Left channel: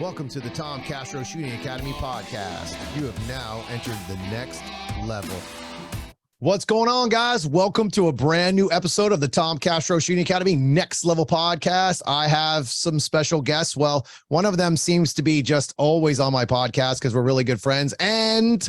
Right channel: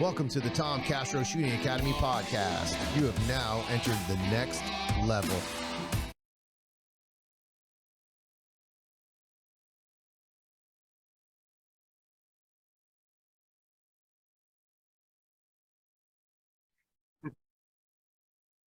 Welcome to the Tom Castro Shooting Academy podcast. You have now entered the next level. What's going on, guys? Welcome to a brand new episode of the Tom Castro Shooting Academy Next Level podcast. I have some special guests. Well, one of them seems to be just always on my podcast because we're really good friends. And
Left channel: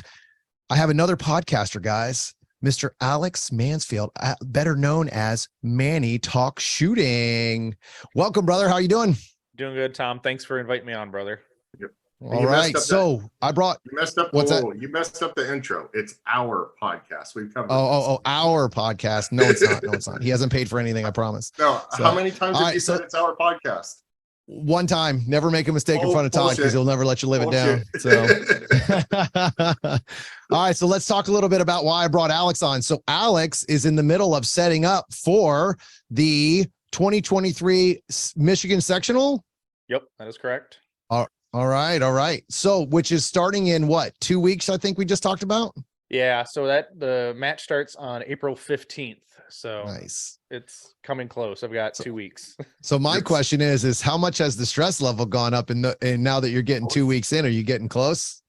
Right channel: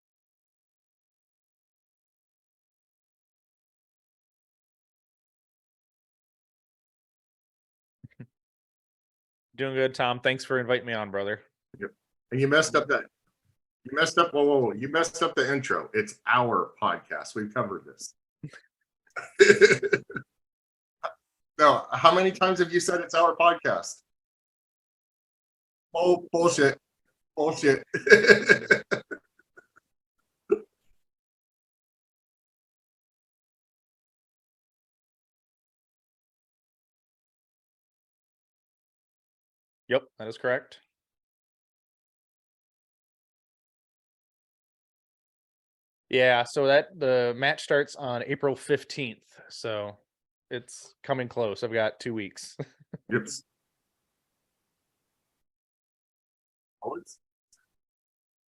I have another podcaster, guys, Mr. Alex Mansfield, better known as Manny Talks Shooting. Welcome, brother. How are you doing? Doing good, Tom. Thanks for inviting me on, brother. Yep. All right. So I brought. You messed up. You messed up the intro. It's our podcast. We've covered. Our podcast. No, it's not. No, it's not. He hasn't paid for anything. I promise. No. So, how many times have you said it's our podcast? One time. Never make a mistake in front of Todd because he'll never let you live bullshit. It down. So. All right. So let's talk a little bit about why I brought Alex on. So Alex is in the middle of setting up for the 2023 Michigan Sectional. Yep, that is correct. All right. So, which is starting in what, 2 weeks? I think we just talked about. Yeah. So the match starts on April 15th. So nice. It's coming close. I've got 2 weeks. So my question is how much has the stress level gone up and now that you're getting 2 weeks in, are you getting close?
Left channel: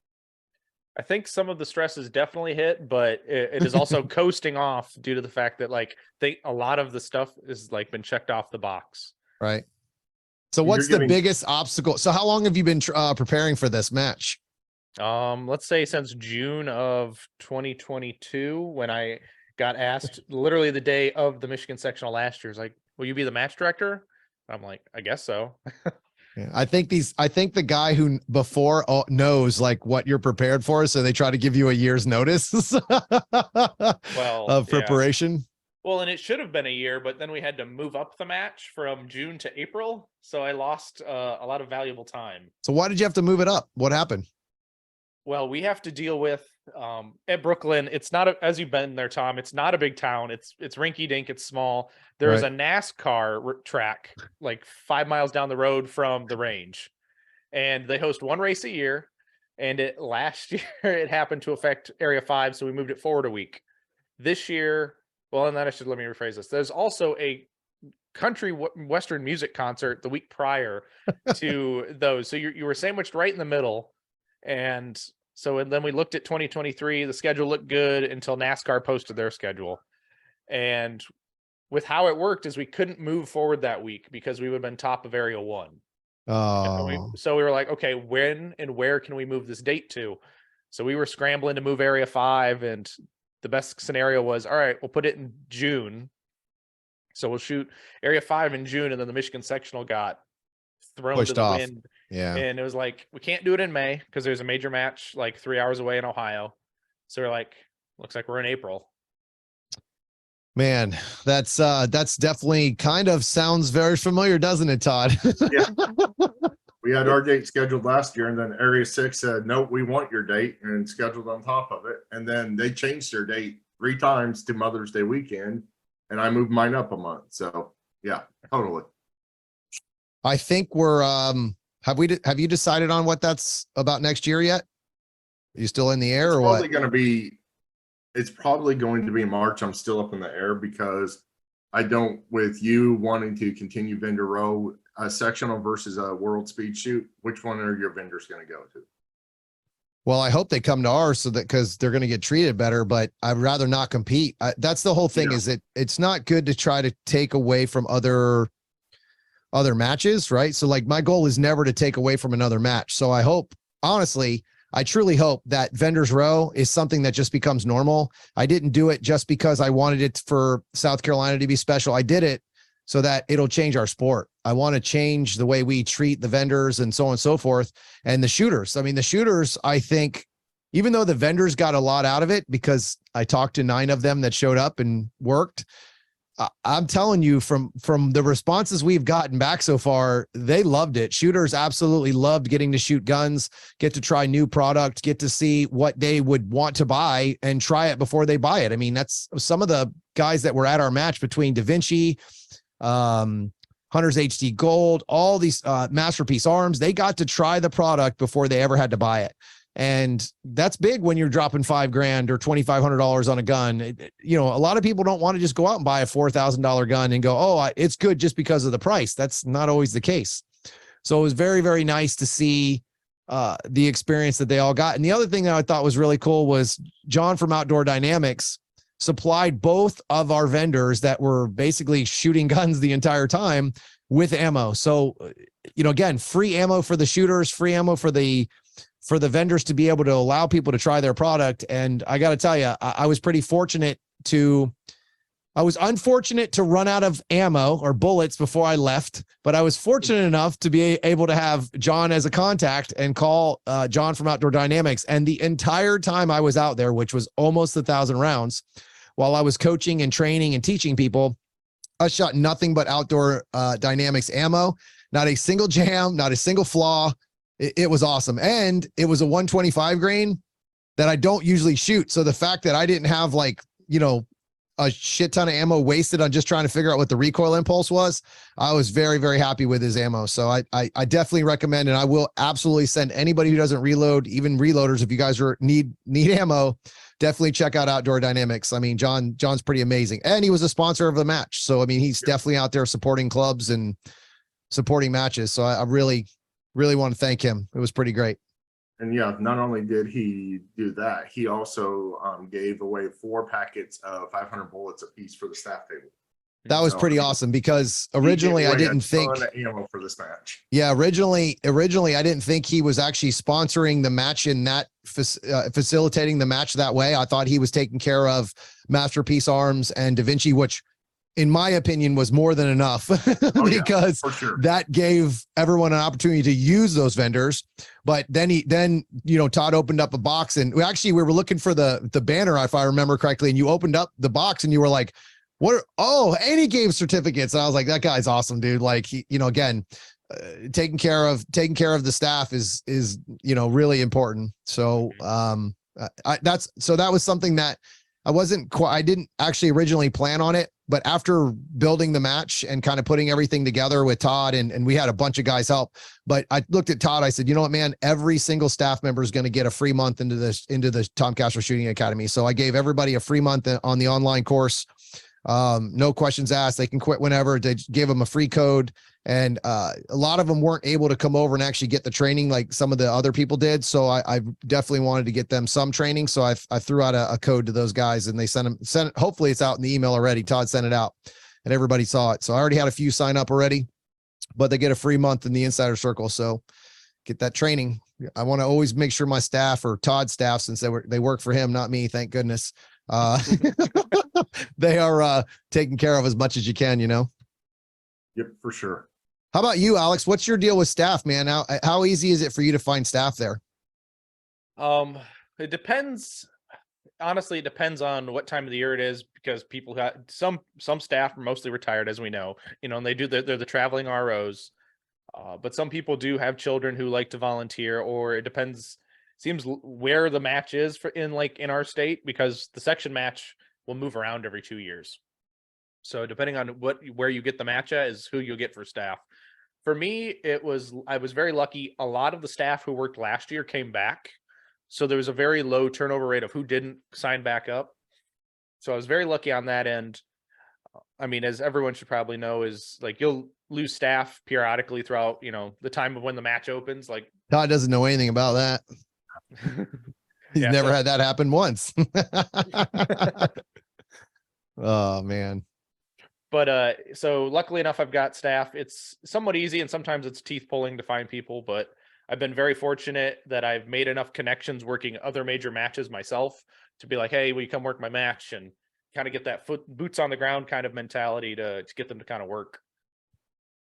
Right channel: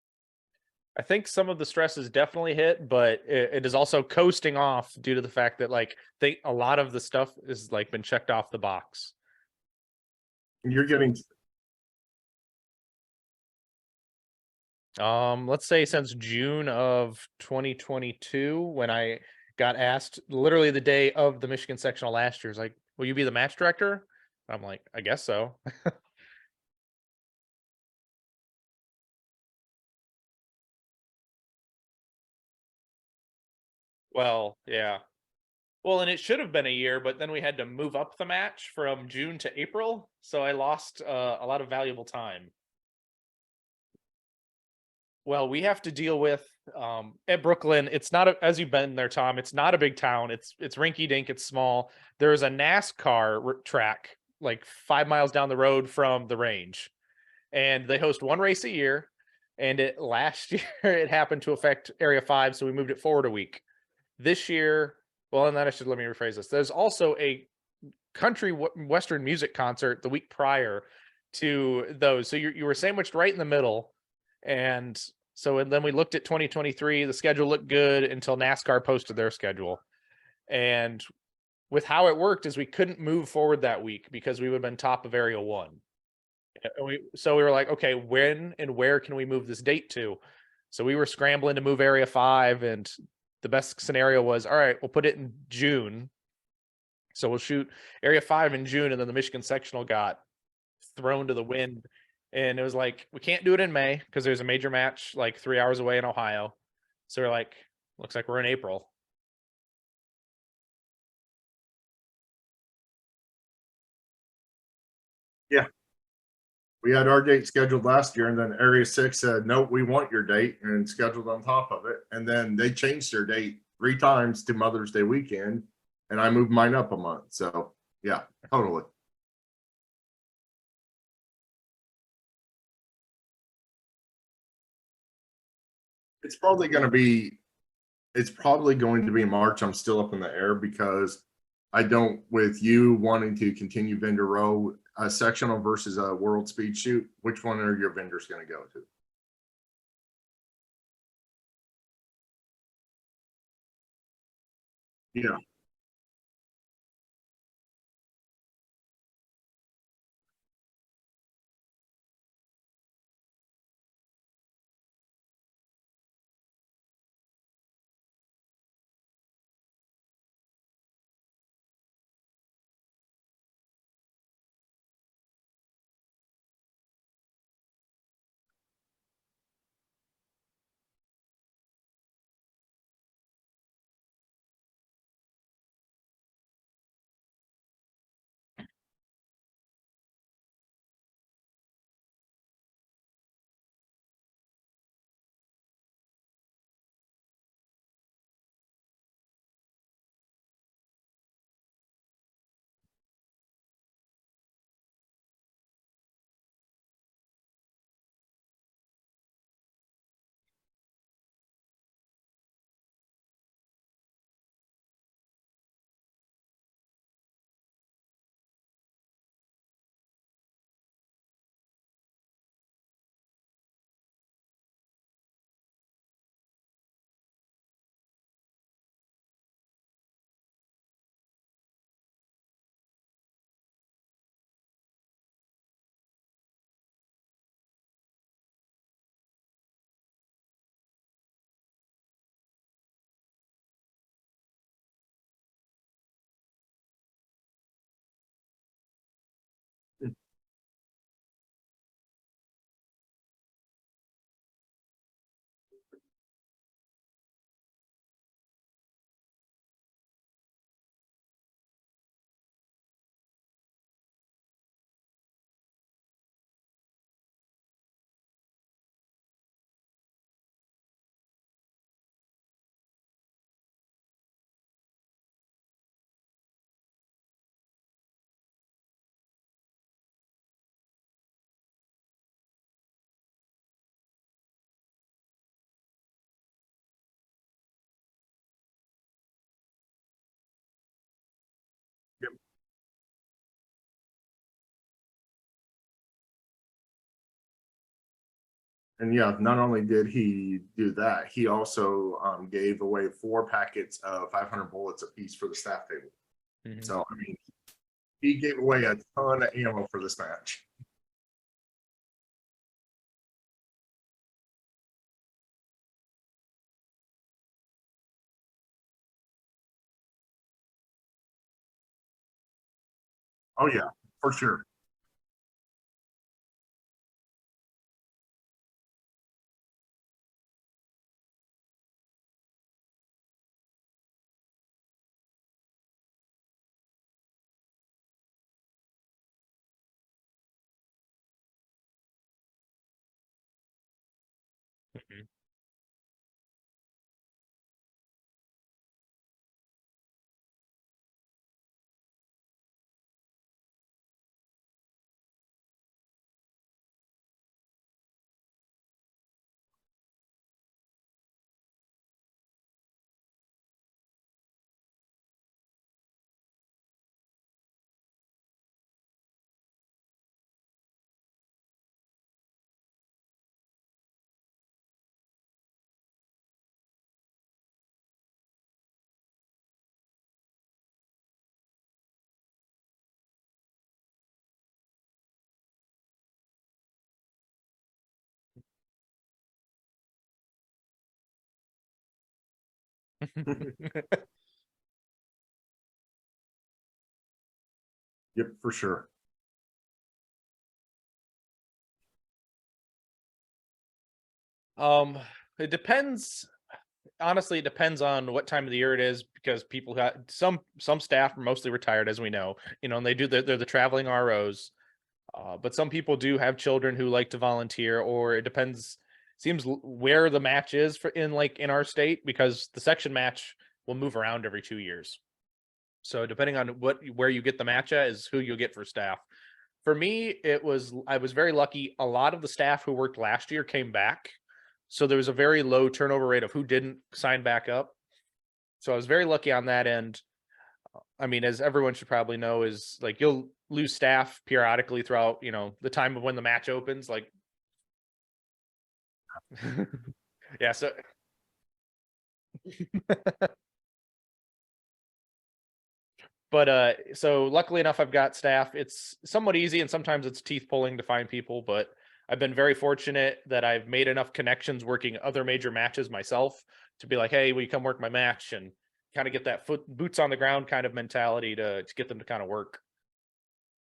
I think some of the stress is definitely hit, but it is also coasting off due to the fact that a lot of the stuff is been checked off the box. Right. So what's the biggest obstacle? So how long have you been preparing for this match? Let's say since June of 2022, when I got asked literally the day of the Michigan Sectional last year, like, will you be the match director? I'm like, I guess so. Yeah, I think the guy who before knows what you're prepared for, so they try to give you a year's notice. Of preparation. Yeah. Well, and it should have been a year, but then we had to move up the match from June to April, so I lost a lot of valuable time. So why did you have to move it up? What happened? Well, we have to deal with at Brooklyn. It's not as you've been there, Tom. It's not a big town. It's rinky dink. It's small. There's a NASCAR track 5 miles down the road from the range, and they host one race a year. And last year it happened to affect Area 5, so we moved it forward a week. This year, well, and then let me rephrase this. There's also a country western music concert the week prior to those, so you were sandwiched right in the middle. And then we looked at 2023. The schedule looked good until NASCAR posted their schedule. And with how it worked is we couldn't move forward that week because we would have been top of Area 1. Oh. So we were like, okay, when and where can we move this date to? So we were scrambling to move Area 5, and the best scenario was, all right, we'll put it in June. So we'll shoot Area 5 in June, and then the Michigan Sectional got thrown pushed to the off. wind. Yeah. And it was like, we can't do it in May because there's a major match 3 hours away in Ohio. So we're like, looks like we're in April. Man, that's definitely kind of sounds very familiar, doesn't it, Todd? Yeah. We had our date scheduled last year, and then Area 6 said, no, we want your date, and scheduled on top of it. And then they changed their date 3 times to Mother's Day weekend, and I moved mine up a month. So yeah, totally. I think we're have you decided on what that's about next year yet? Are you still in the air? It's probably going to be March. I'm still up in the air because with you wanting to continue vendor row, a sectional versus a world speed shoot, which one are your vendors going to go to? Well, I hope they come to ours because they're going to get treated better, but I'd rather not compete. That's the whole thing. Is it's not good to try to take away from other matches, right? So my goal is never to take away from another match. So I hope, honestly, I truly hope that vendors row is something that just becomes normal. I didn't do it just because I wanted it for South Carolina to be special. I did it so that it'll change our sport. I want to change the way we treat the vendors and so on and so forth. And the shooters, I think, even though the vendors got a lot out of it because I talked to 9 of them that showed up and worked, I'm telling you from the responses we've gotten back so far, they loved it. Shooters absolutely loved getting to shoot guns, get to try new product, get to see what they would want to buy and try it before they buy it. I mean, that's some of the guys that were at our match between Da Vinci, Hunter's HD Gold, all these Masterpiece Arms. They got to try the product before they ever had to buy it. And that's big when you're dropping $5,000 or $2,500 on a gun. A lot of people don't want to just go out and buy a $4,000 gun and go, oh, it's good just because of the price. That's not always the case. So it was very, very nice to see the experience that they all got. And the other thing that I thought was really cool was John from Outdoor Dynamics supplied both of our vendors that were basically shooting guns the entire time with ammo. So, again, free ammo for the shooters, free ammo for the vendors to be able to allow people to try their product. And I got to tell you, I was pretty fortunate I was unfortunate to run out of ammo or bullets before I left, but I was fortunate enough to be able to have John as a contact and call John from Outdoor Dynamics. And the entire time I was out there, which was almost 1,000 rounds, while I was coaching and training and teaching people, I shot nothing but Outdoor Dynamics ammo, not a single jam, not a single flaw. It was awesome. And it was a 125 grain that I don't usually shoot. So the fact that I didn't have a shit ton of ammo wasted on just trying to figure out what the recoil impulse was, I was very, very happy with his ammo. So I definitely recommend, and I will absolutely send anybody who doesn't reload, even reloaders, if you guys need ammo, definitely check out Outdoor Dynamics. I mean, John's pretty amazing, and he was a sponsor of the match. So, I mean, he's definitely out there supporting clubs and supporting matches. So I really, really want to thank him. It was pretty great. And yeah, not only did he do that, he also gave away 4 packets of 500 bullets apiece for the staff table. That was pretty awesome, because originally I didn't think ammo for this match. Yeah, originally I didn't think he was actually sponsoring the match in that facilitating the match that way. I thought he was taking care of Masterpiece Arms and Da Vinci, which in my opinion was more than enough because for sure. That gave everyone an opportunity to use those vendors. But then Todd opened up a box, and we were looking for the banner, if I remember correctly, and you opened up the box and you were like, any game certificates. And I was like, that guy's awesome, dude. Like, he, again, taking care of the staff is really important. So that was something that I didn't actually originally plan on it, but after building the match and kind of putting everything together with Todd, and we had a bunch of guys help, but I looked at Todd, I said, you know what, man, every single staff member is going to get a free month into the Tom Castro Shooting Academy. So I gave everybody a free month on the online course. No questions asked. They can quit whenever. They gave them a free code. And a lot of them weren't able to come over and actually get the training like some of the other people did. So I definitely wanted to get them some training. So I threw out a code to those guys, and they sent it. Hopefully it's out in the email already. Todd sent it out and everybody saw it. So I already had a few sign up already, but they get a free month in the Insider Circle. So get that training. I want to always make sure my staff, or Todd's staff, since they work for him, not me, thank goodness. They are taken care of as much as you can, Yep, for sure. How about you, Alex? What's your deal with staff, man? How easy is it for you to find staff there? It depends. Honestly, it depends on what time of the year it is, because people got some staff are mostly retired, as we know, and they're the traveling ROs. But some people do have children who like to volunteer, or it depends. Seems where the match is in our state, because the section match will move around every 2 years. So depending on where you get the match at is who you'll get for staff. For me, I was very lucky. A lot of the staff who worked last year came back. So there was a very low turnover rate of who didn't sign back up. So I was very lucky on that end. I mean, as everyone should probably know, is like you'll lose staff periodically throughout, the time of when the match opens. Like Todd doesn't know anything about that. He's never had that happen once. Oh man. But so luckily enough, I've got staff. It's somewhat easy, and sometimes it's teeth pulling to find people, but I've been very fortunate that I've made enough connections working other major matches myself to be like, hey, will you come work my match, and kind of get that boots on the ground kind of mentality to get them to kind of work.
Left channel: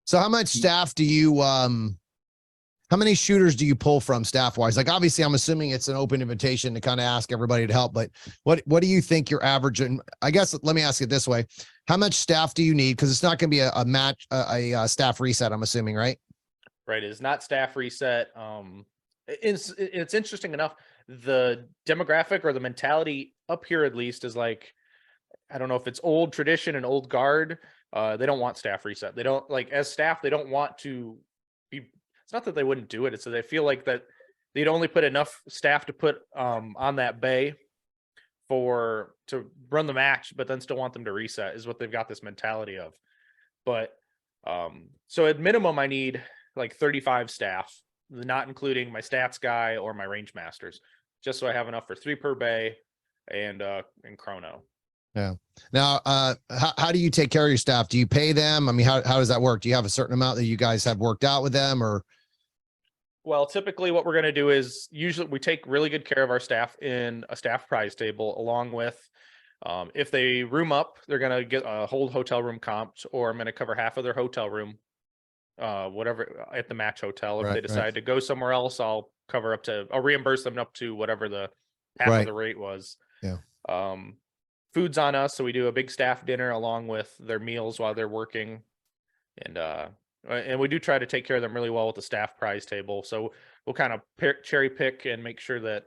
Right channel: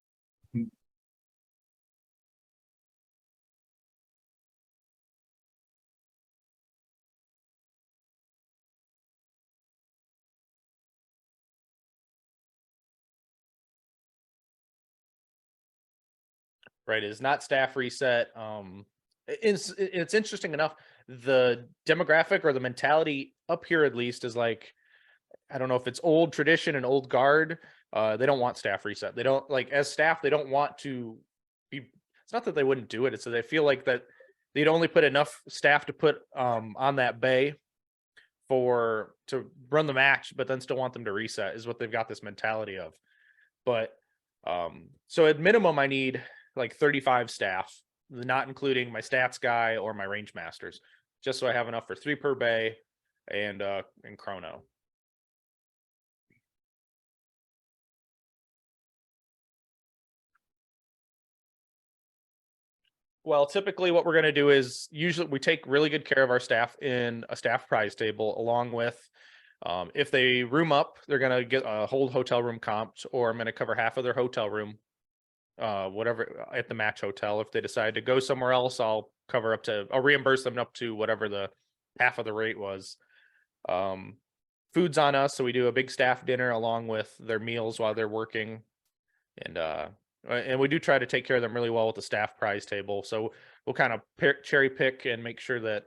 So how much staff do you how many shooters do you pull from staff wise? Like, obviously I'm assuming it's an open invitation to kind of ask everybody to help, but what do you think your average, and I guess, let me ask it this way. How much staff do you need? Cause it's not going to be a staff reset, I'm assuming, right? Right. It's not staff reset. It's interesting enough. The demographic or the mentality up here, at least, is like, I don't know if it's old tradition and old guard. They don't want staff reset. They don't, like, as staff, they don't want to be, it's not that they wouldn't do it. It's that they feel like that they'd only put enough staff to put on that bay to run the match, but then still want them to reset, is what they've got this mentality of. But so at minimum, I need like 35 staff, not including my stats guy or my range masters, just so I have enough for 3 per bay and chrono. Yeah. Now, how do you take care of your staff? Do you pay them? I mean, how does that work? Do you have a certain amount that you guys have worked out with them, or? Well, typically what we're going to do is usually we take really good care of our staff in a staff prize table, along with if they room up, they're going to get a whole hotel room comped, or I'm going to cover half of their hotel room, whatever at the match hotel. If they decide to go somewhere else, I'll reimburse them up to whatever the half of the rate was. Yeah. Food's on us, so we do a big staff dinner along with their meals while they're working, and we do try to take care of them really well with the staff prize table. So we'll kind of cherry pick and make sure that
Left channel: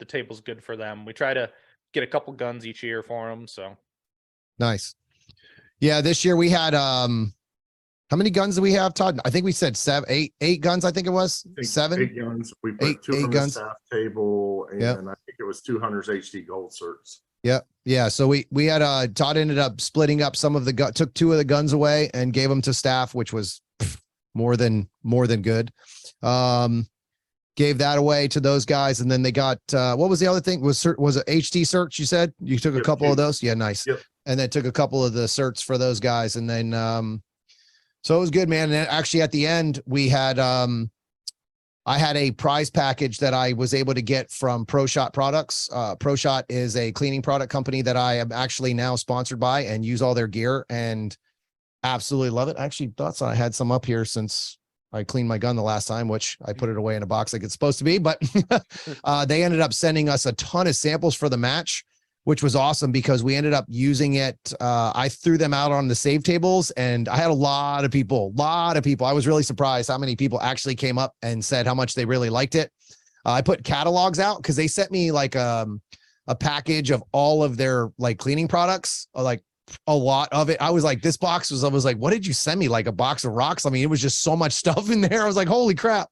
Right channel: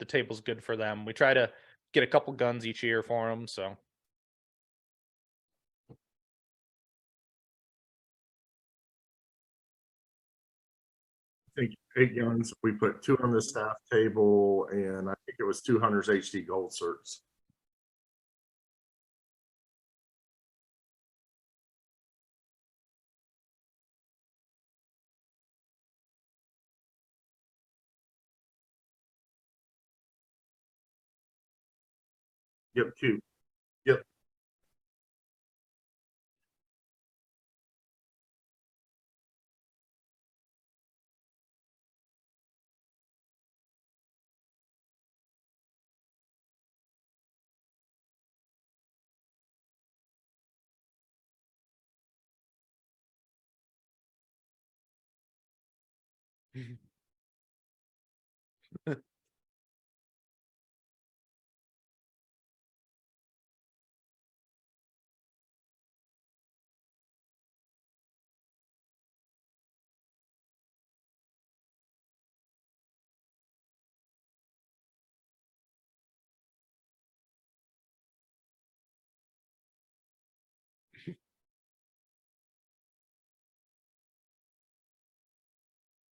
the table's good for them. We try to get a couple guns each year for them. So nice. Yeah, this year we had how many guns do we have, Todd? I think we said eight guns. I think it was 7. 8 guns. We put 2 on the staff table, and I think it was 2 Hunters HD gold certs. Yep. Yeah. So we had Todd ended up splitting up some of the took 2 of the guns away and gave them to staff, which was more than good. Gave that away to those guys, and then they got what was the other thing? Was it HD certs? You said you took a couple of those. Yeah, nice. Yep. And then took a couple of the certs for those guys, and then so it was good, man. And actually, at the end, we had I had a prize package that I was able to get from Pro Shot Products. Pro Shot is a cleaning product company that I am actually now sponsored by and use all their gear and absolutely love it. I actually thought I had some up here since I cleaned my gun the last time, which I put it away in a box like it's supposed to be, but they ended up sending us a ton of samples for the match, which was awesome because we ended up using it. I threw them out on the save tables, and I had a lot of people. I was really surprised how many people actually came up and said how much they really liked it. I put catalogs out because they sent me like a package of all of their like cleaning products, like a lot of it. I was like, I was like, what did you send me? Like a box of rocks? I mean, it was just so much stuff in there. I was like, holy crap.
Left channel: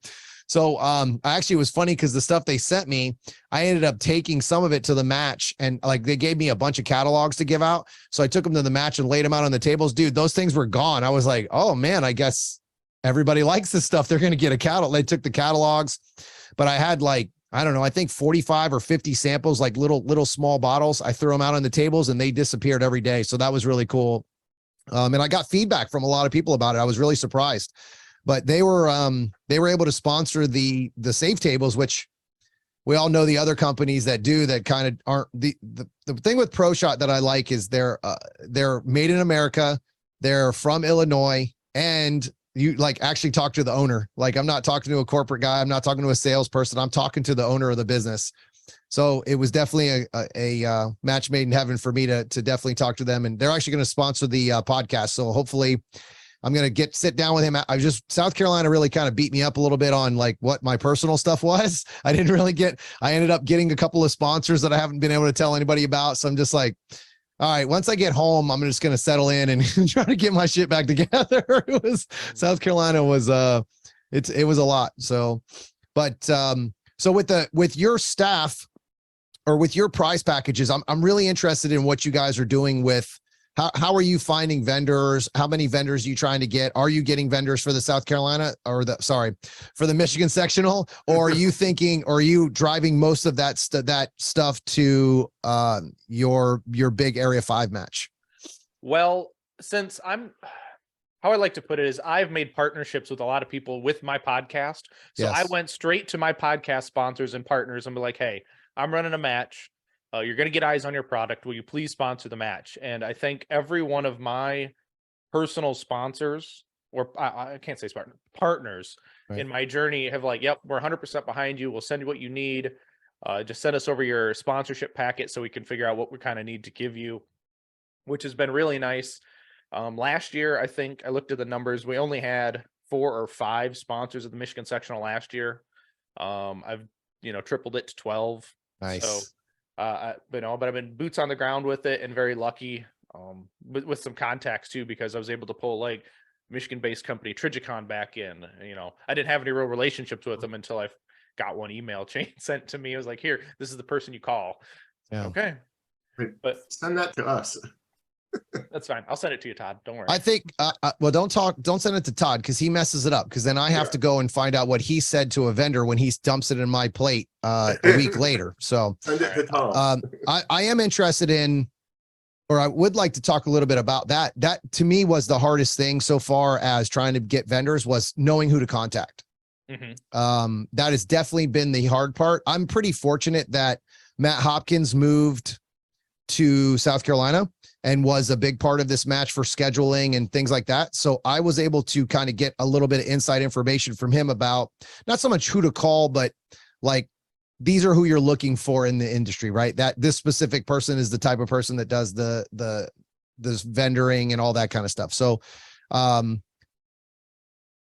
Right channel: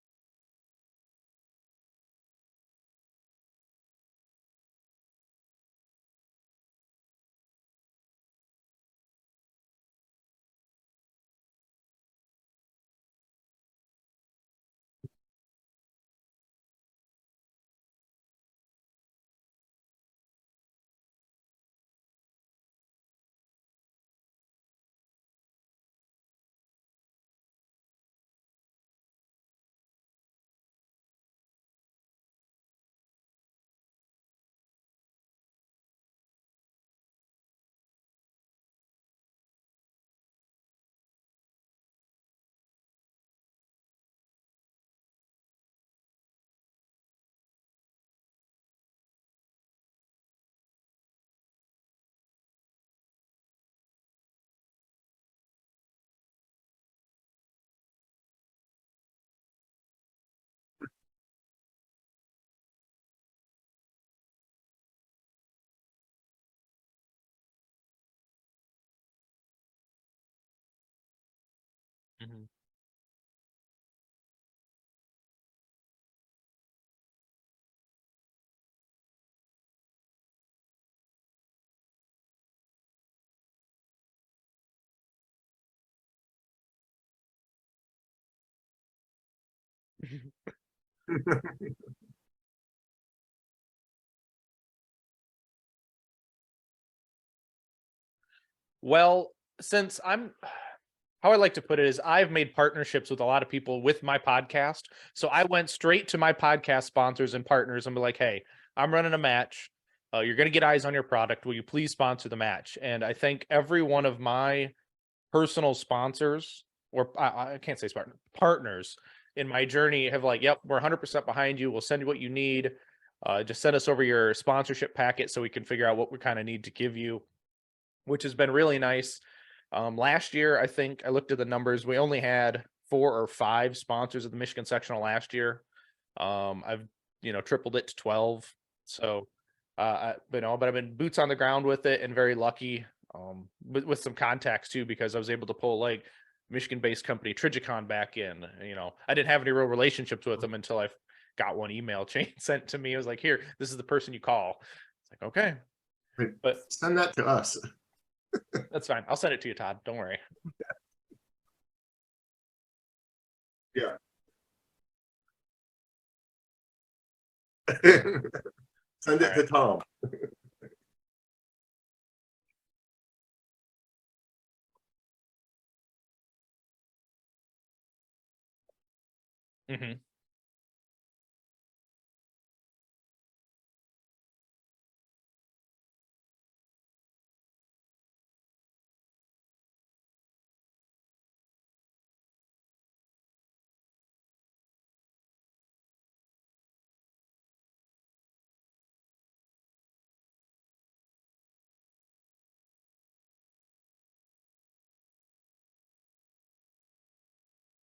So actually it was funny because the stuff they sent me, I ended up taking some of it to the match, and like they gave me a bunch of catalogs to give out. So I took them to the match and laid them out on the tables. Dude, those things were gone. I was like, oh man, I guess everybody likes this stuff. They're going to get a catalog. They took the catalogs, but I had like, I don't know, I think 45 or 50 samples, like little small bottles. I threw them out on the tables and they disappeared every day. So that was really cool. And I got feedback from a lot of people about it. I was really surprised. But they were able to sponsor the safe tables, which we all know the other companies that do that kind of aren't. The thing with Pro Shot that I like is they're made in America, they're from Illinois, and you like actually talk to the owner. Like I'm not talking to a corporate guy, I'm not talking to a salesperson, I'm talking to the owner of the business. So it was definitely a match made in heaven for me to definitely talk to them, and they're actually going to sponsor the podcast. So hopefully I'm going to sit down with him. South Carolina really kind of beat me up a little bit on like what my personal stuff was. I ended up getting a couple of sponsors that I haven't been able to tell anybody about. So I'm just like, all right, once I get home, I'm just going to settle in and try to get my shit back together. South Carolina was, it was a lot. So, but, so with your staff or with your prize packages, I'm really interested in what you guys are doing with. How are you finding vendors? How many vendors are you trying to get? Are you getting vendors for the South Carolina for the Michigan Sectional? Or are you driving most of that stuff to your big Area 5 match? Well, how I like to put it is I've made partnerships with a lot of people with my podcast. So I went straight to my podcast sponsors and partners and be like, hey, I'm running a match. You're going to get eyes on your product. Will you please sponsor the match? And I think every one of my personal sponsors, or I can't say partners in my journey have like, yep, we're 100% behind you. We'll send you what you need. Just send us over your sponsorship packet so we can figure out what we kind of need to give you, which has been really nice. Last year, I think I looked at the numbers. We only had 4 or 5 sponsors of the Michigan Sectional last year. I've, tripled it to 12. Nice. So, but I've been boots on the ground with it and very lucky with some contacts too, because I was able to pull like Michigan-based company Trigicon back in. I didn't have any real relationships with them until I got one email chain sent to me. It was like, here, this is the person you call. Yeah. Okay. But send that to us. That's fine. I'll send it to you, Todd. Don't worry. I think, well, don't send it to Todd because he messes it up. Because then I have to go and find out what he said to a vendor when he dumps it in my plate a week later. So Send it to Tom. I am interested in, or I would like to talk a little bit about that. That to me was the hardest thing so far as trying to get vendors was knowing who to contact. Mm-hmm. That has definitely been the hard part. I'm pretty fortunate that Matt Hopkins moved to South Carolina and was a big part of this match for scheduling and things like that. So I was able to kind of get a little bit of inside information from him about not so much who to call, but like, these are who you're looking for in the industry, right? That this specific person is the type of person that does this vendoring and all that kind of stuff. So,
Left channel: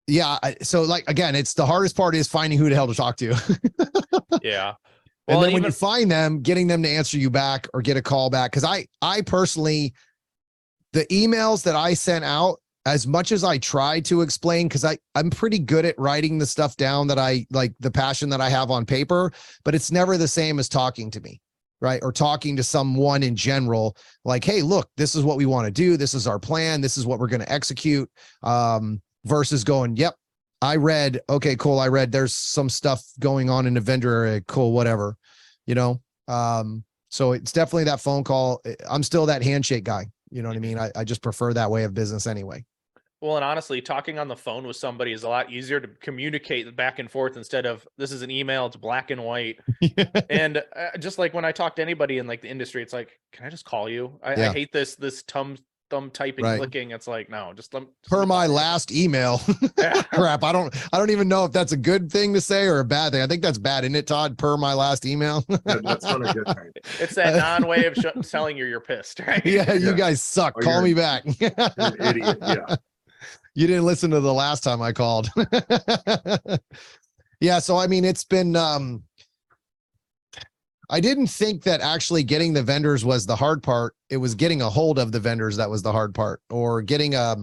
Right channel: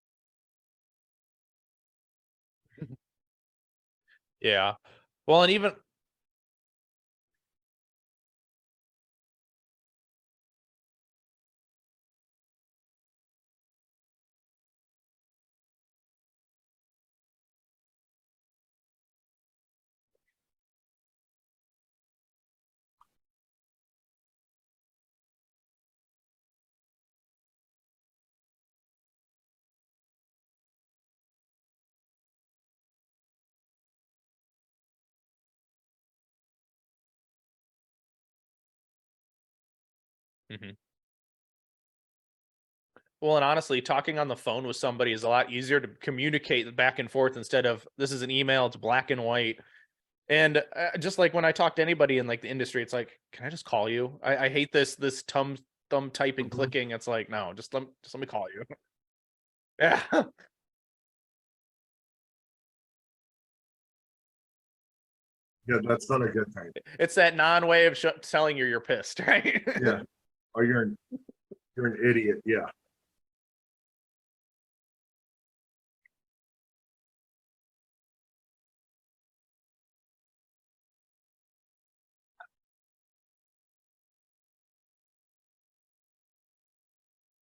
yeah. So like, again, it's the hardest part is finding who the hell to talk to. Yeah. Well, and when you find them, getting them to answer you back or get a call back. Cause I personally, the emails that I sent out, as much as I try to explain, cause I'm pretty good at writing the stuff down that I like, the passion that I have on paper, but it's never the same as talking to me. Right. Or talking to someone in general, like, hey, look, this is what we want to do. This is our plan. This is what we're going to execute. Versus going, yep, I read, okay, cool. I read there's some stuff going on in the vendor area. Cool. Whatever, you know? So it's definitely that phone call. I'm still that handshake guy. You know what I mean? I just prefer that way of business anyway. Well, and honestly, talking on the phone with somebody is a lot easier to communicate back and forth instead of this is an email, it's black and white. And just like when I talk to anybody in like the industry, it's like, can I just call you? I hate this thumb typing, clicking. It's like, no, just per my last email. Crap. I don't even know if that's a good thing to say or a bad thing. I think that's bad, isn't it, Todd? Per my last email. Yeah, that's not a good thing. It's that non-way of telling you're pissed, right? Yeah, you guys suck. Call me back. You're an idiot. Yeah. You didn't listen to the last time I called. Yeah. So, I mean, it's been, I didn't think that actually getting the vendors was the hard part. It was getting a hold of the vendors that was the hard part, or getting a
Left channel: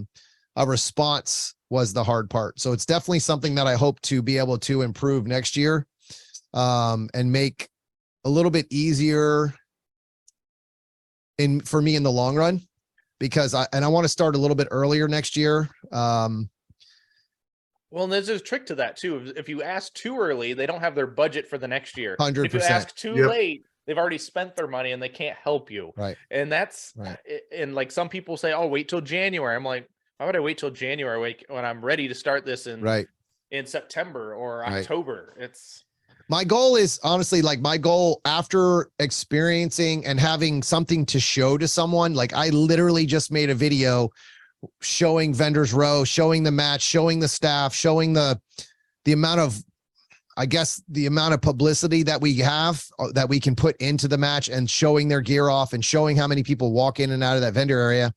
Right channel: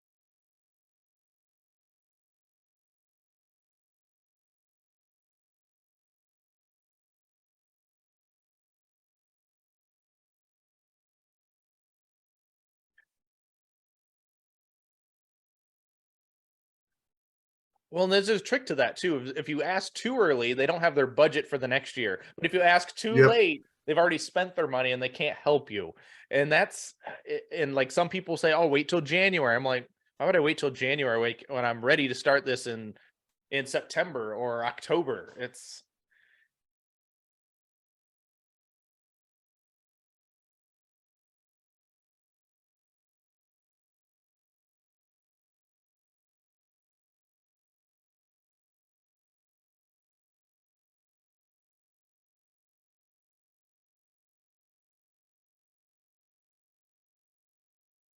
response was the hard part. So it's definitely something that I hope to be able to improve next year, and make a little bit easier for me in the long run, because I want to start a little bit earlier next year. Well, and there's a trick to that too. If you ask too early, they don't have their budget for the next year. 100%. If you ask too late, they've already spent their money and they can't help you. Right. And that's, and like some people say, oh, wait till January. I'm like, why would I wait till January when I'm ready to start this in September or October? It's my goal is honestly, like my goal after experiencing and having something to show to someone, like I literally just made a video showing Vendors Row, showing the match, showing the staff, showing the amount of, I guess, the amount of publicity that we have that we can put into the match, and showing their gear off and showing how many people walk in and out of that vendor area.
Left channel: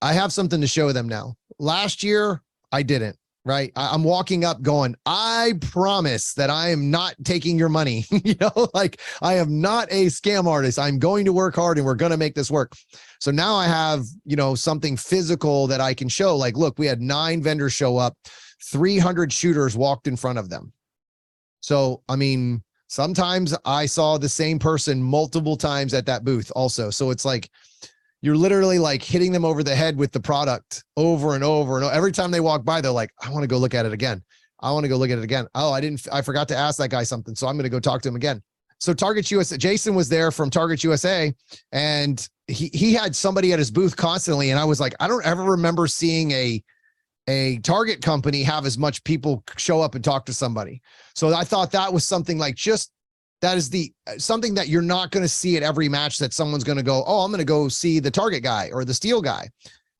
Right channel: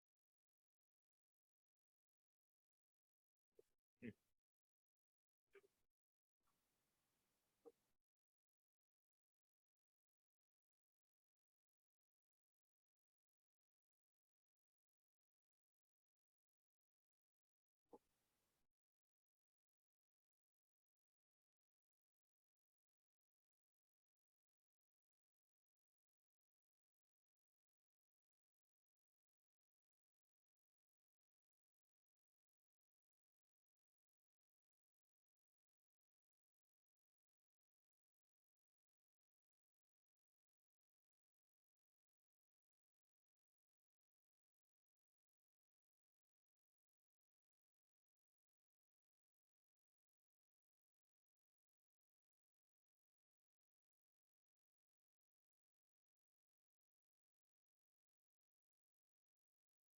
I have something to show them now. Last year, I didn't. Right. I'm walking up going, I promise that I am not taking your money. You know, like I am not a scam artist. I'm going to work hard and we're going to make this work. So now I have, you know, something physical that I can show. Like, look, we had 9 vendors show up, 300 shooters walked in front of them. So, I mean, sometimes I saw the same person multiple times at that booth also. So it's like, you're literally like hitting them over the head with the product over and over and over. Every time they walk by, they're like, I want to go look at it again. I want to go look at it again. Oh, I forgot to ask that guy something. So I'm going to go talk to him again. So Target USA, Jason was there from Target USA, and he had somebody at his booth constantly. And I was like, I don't ever remember seeing a Target company have as much people show up and talk to somebody. So I thought that was something like that is something that you're not going to see at every match, that someone's going to go, oh, I'm going to go see the Target guy or the Steel guy.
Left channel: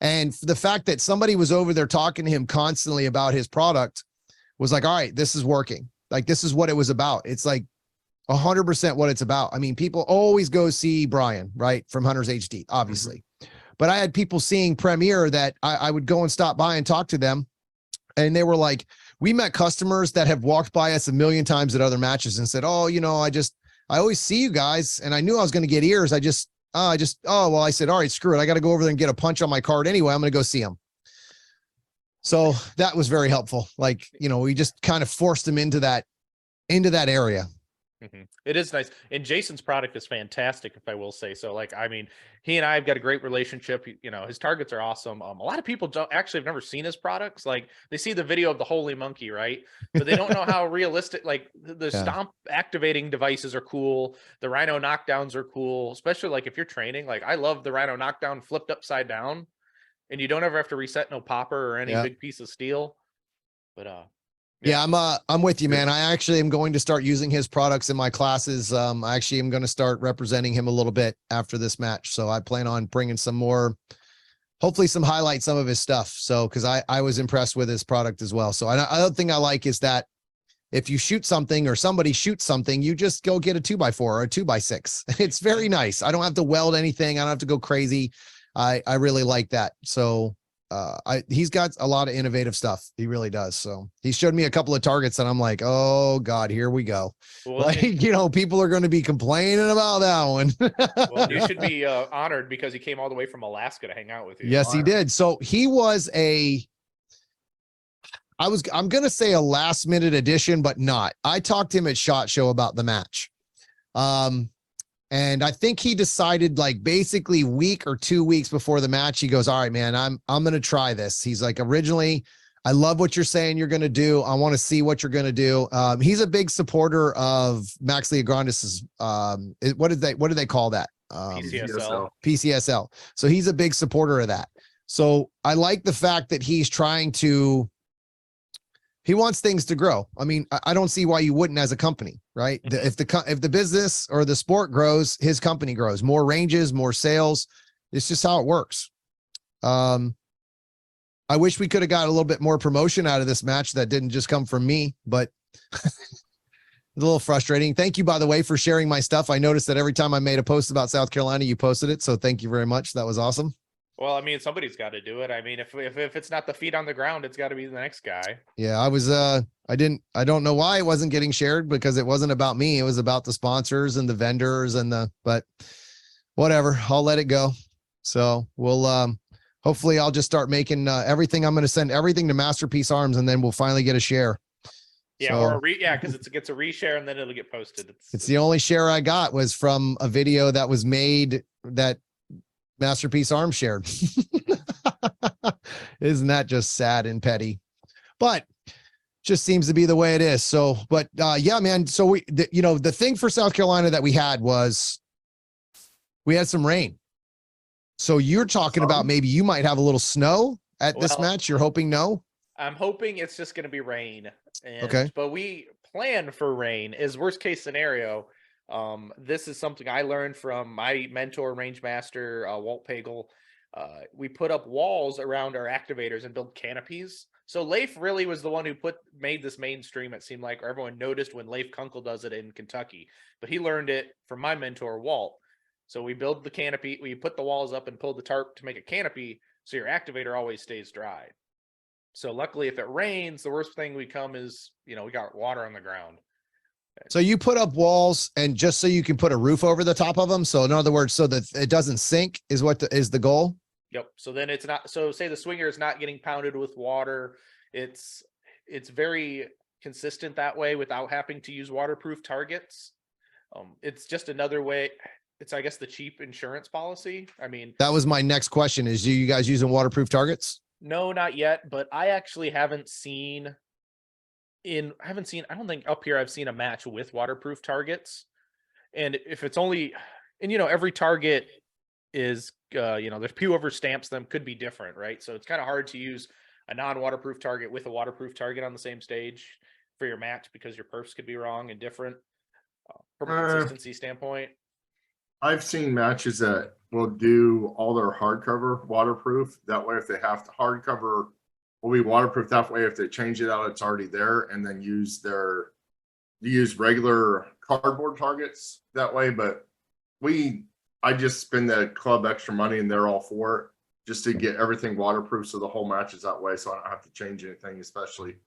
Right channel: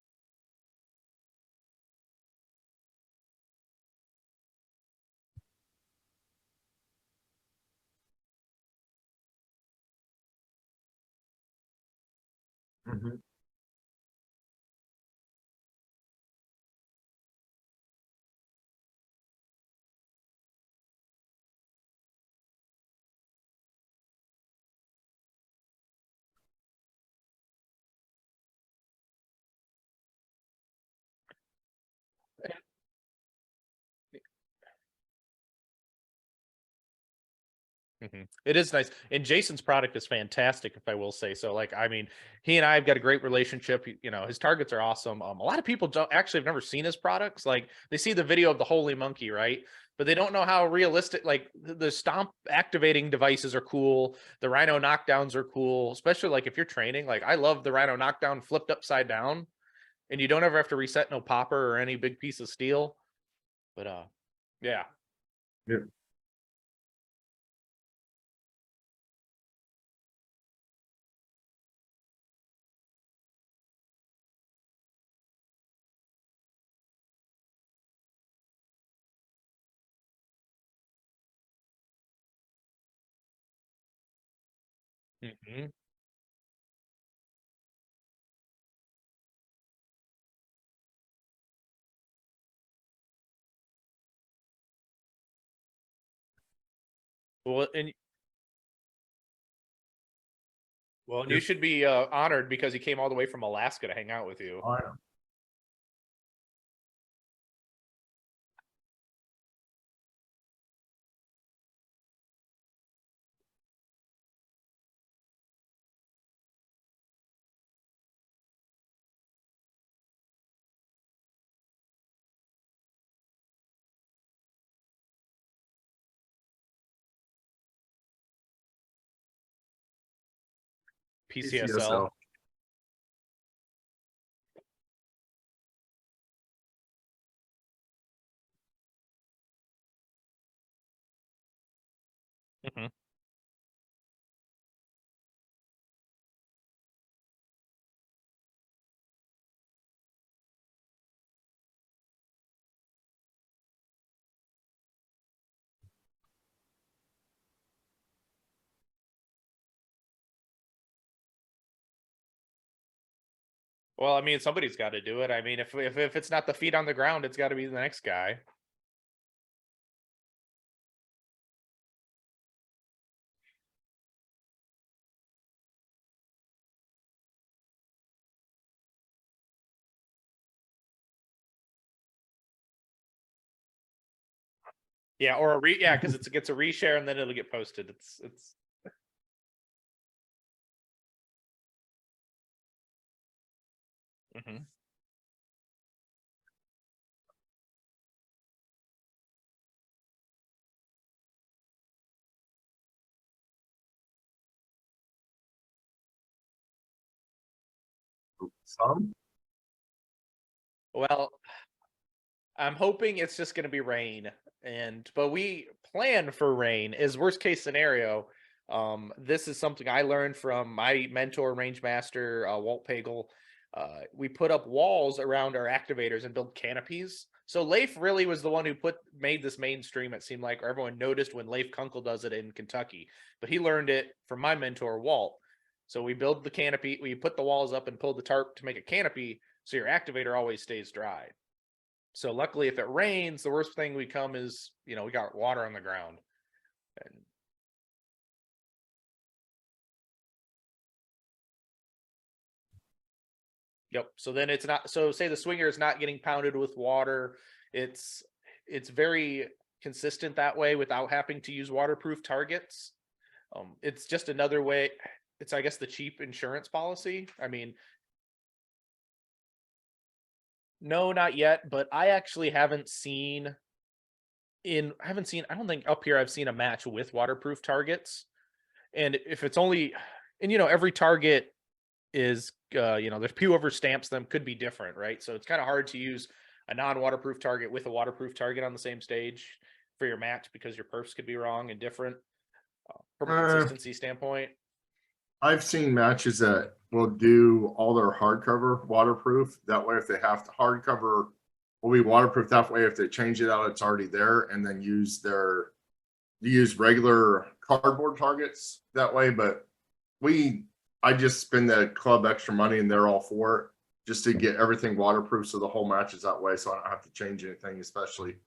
And the fact that somebody was over there talking to him constantly about his product was like, all right, this is working. Like, this is what it was about. It's like 100% what it's about. I mean, people always go see Brian, right, from Hunters HD, obviously. But I had people seeing Premiere that I would go and stop by and talk to them. And they were like, we met customers that have walked by us a million times at other matches and said, oh, you know, I always see you guys, and I knew I was going to get ears. I said, all right, screw it. I got to go over there and get a punch on my card anyway. I'm going to go see them. So that was very helpful. Like, you know, we just kind of forced them into that area. It is nice. And Jason's product is fantastic, if I will say so. Like, I mean, he and I have got a great relationship. You know, his targets are awesome. A lot of people don't actually have never seen his products. Like, they see the video of the holy monkey, right? But they don't know how realistic, like the stomp activating devices are cool. The rhino knockdowns are cool, especially like if you're training. Like, I love the rhino knockdown flipped upside down, and you don't ever have to reset no popper or any big piece of steel. But yeah, I'm with you, man. I actually am going to start using his products in my classes. I actually am going to start representing him a little bit after this match. So I plan on bringing some more, hopefully some highlight some of his stuff. So, cause I was impressed with his product as well. So I other thing I like is that if you shoot something or somebody shoots something, you just go get a 2x4 or a 2x6. It's very nice. I don't have to weld anything. I don't have to go crazy. I really like that. So he's got a lot of innovative stuff. He really does. So he showed me a couple of targets and I'm like, oh God, here we go. Well, like, you know, people are going to be complaining about that one. Well, you should be honored because he came all the way from Alaska to hang out with you. Yes, he did. So he was I'm going to say a last minute addition, but not. I talked to him at SHOT Show about the match. And I think he decided like basically week or 2 weeks before the match, he goes, all right, man, I'm going to try this. He's like, originally, I love what you're saying you're going to do. I want to see what you're going to do. He's a big supporter of Max Leograndis's, what do they call that? PCSL. So he's a big supporter of that. So I like the fact that he's trying to, he wants things to grow. I mean, I don't see why you wouldn't as a company, right? If the business or the sport grows, his company grows. More ranges, more sales. It's just how it works. I wish we could have got a little bit more promotion out of this match that didn't just come from me, but it's a little frustrating. Thank you, by the way, for sharing my stuff. I noticed that every time I made a post about South Carolina, you posted it. So thank you very much. That was awesome. Well, I mean, somebody's got to do it. I mean, if it's not the feet on the ground, it's got to be the next guy. Yeah, I don't know why it wasn't getting shared because it wasn't about me. It was about the sponsors and the vendors but whatever, I'll let it go. So we'll, hopefully I'll just start making everything. I'm going to send everything to Masterpiece Arms and then we'll finally get a share. Yeah. So, cause it gets a reshare and then it'll get posted. It's the only share I got was from a video that was made that Masterpiece Arms shared. Isn't that just sad and petty? But just seems to be the way it is. So, but yeah, man. So the thing for South Carolina that we had was we had some rain. So you're talking about maybe you might have a little snow at this match. You're hoping no? I'm hoping it's just going to be rain. But we plan for rain as worst case scenario. This is something I learned from my mentor, range master, Walt Pagel. We put up walls around our activators and build canopies. So Leif really was the one who made this mainstream. It seemed like everyone noticed when Leif Kunkel does it in Kentucky, but he learned it from my mentor, Walt. So we build the canopy, we put the walls up and pull the tarp to make a canopy. So your activator always stays dry. So luckily if it rains, the worst thing we come is, we got water on the ground. So you put up walls and just so you can put a roof over the top of them. So in other words, so that it doesn't sink is what is the goal. Yep. So then it's not, so say the swinger is not getting pounded with water. It's very consistent that way without having to use waterproof targets. It's just another way. It's, I guess, the cheap insurance policy. I mean, that was my next question is, you guys using waterproof targets? No, not yet. But I actually haven't seen, I don't think up here I've seen a match with waterproof targets. And if it's only, and every target is, there's whoever stamps them could be different, right? So it's kind of hard to use a non-waterproof target with a waterproof target on the same stage for your match because your perfs could be wrong and different from a consistency standpoint. I've seen matches that will do all their hardcover waterproof. That way, if they have to hardcover, will be waterproof. That way, if they change it out, it's already there, and then use regular cardboard targets that way. But I just spend the club extra money, and they're all for it, just to get everything waterproof, so the whole match is that way, so I don't have to change anything, especially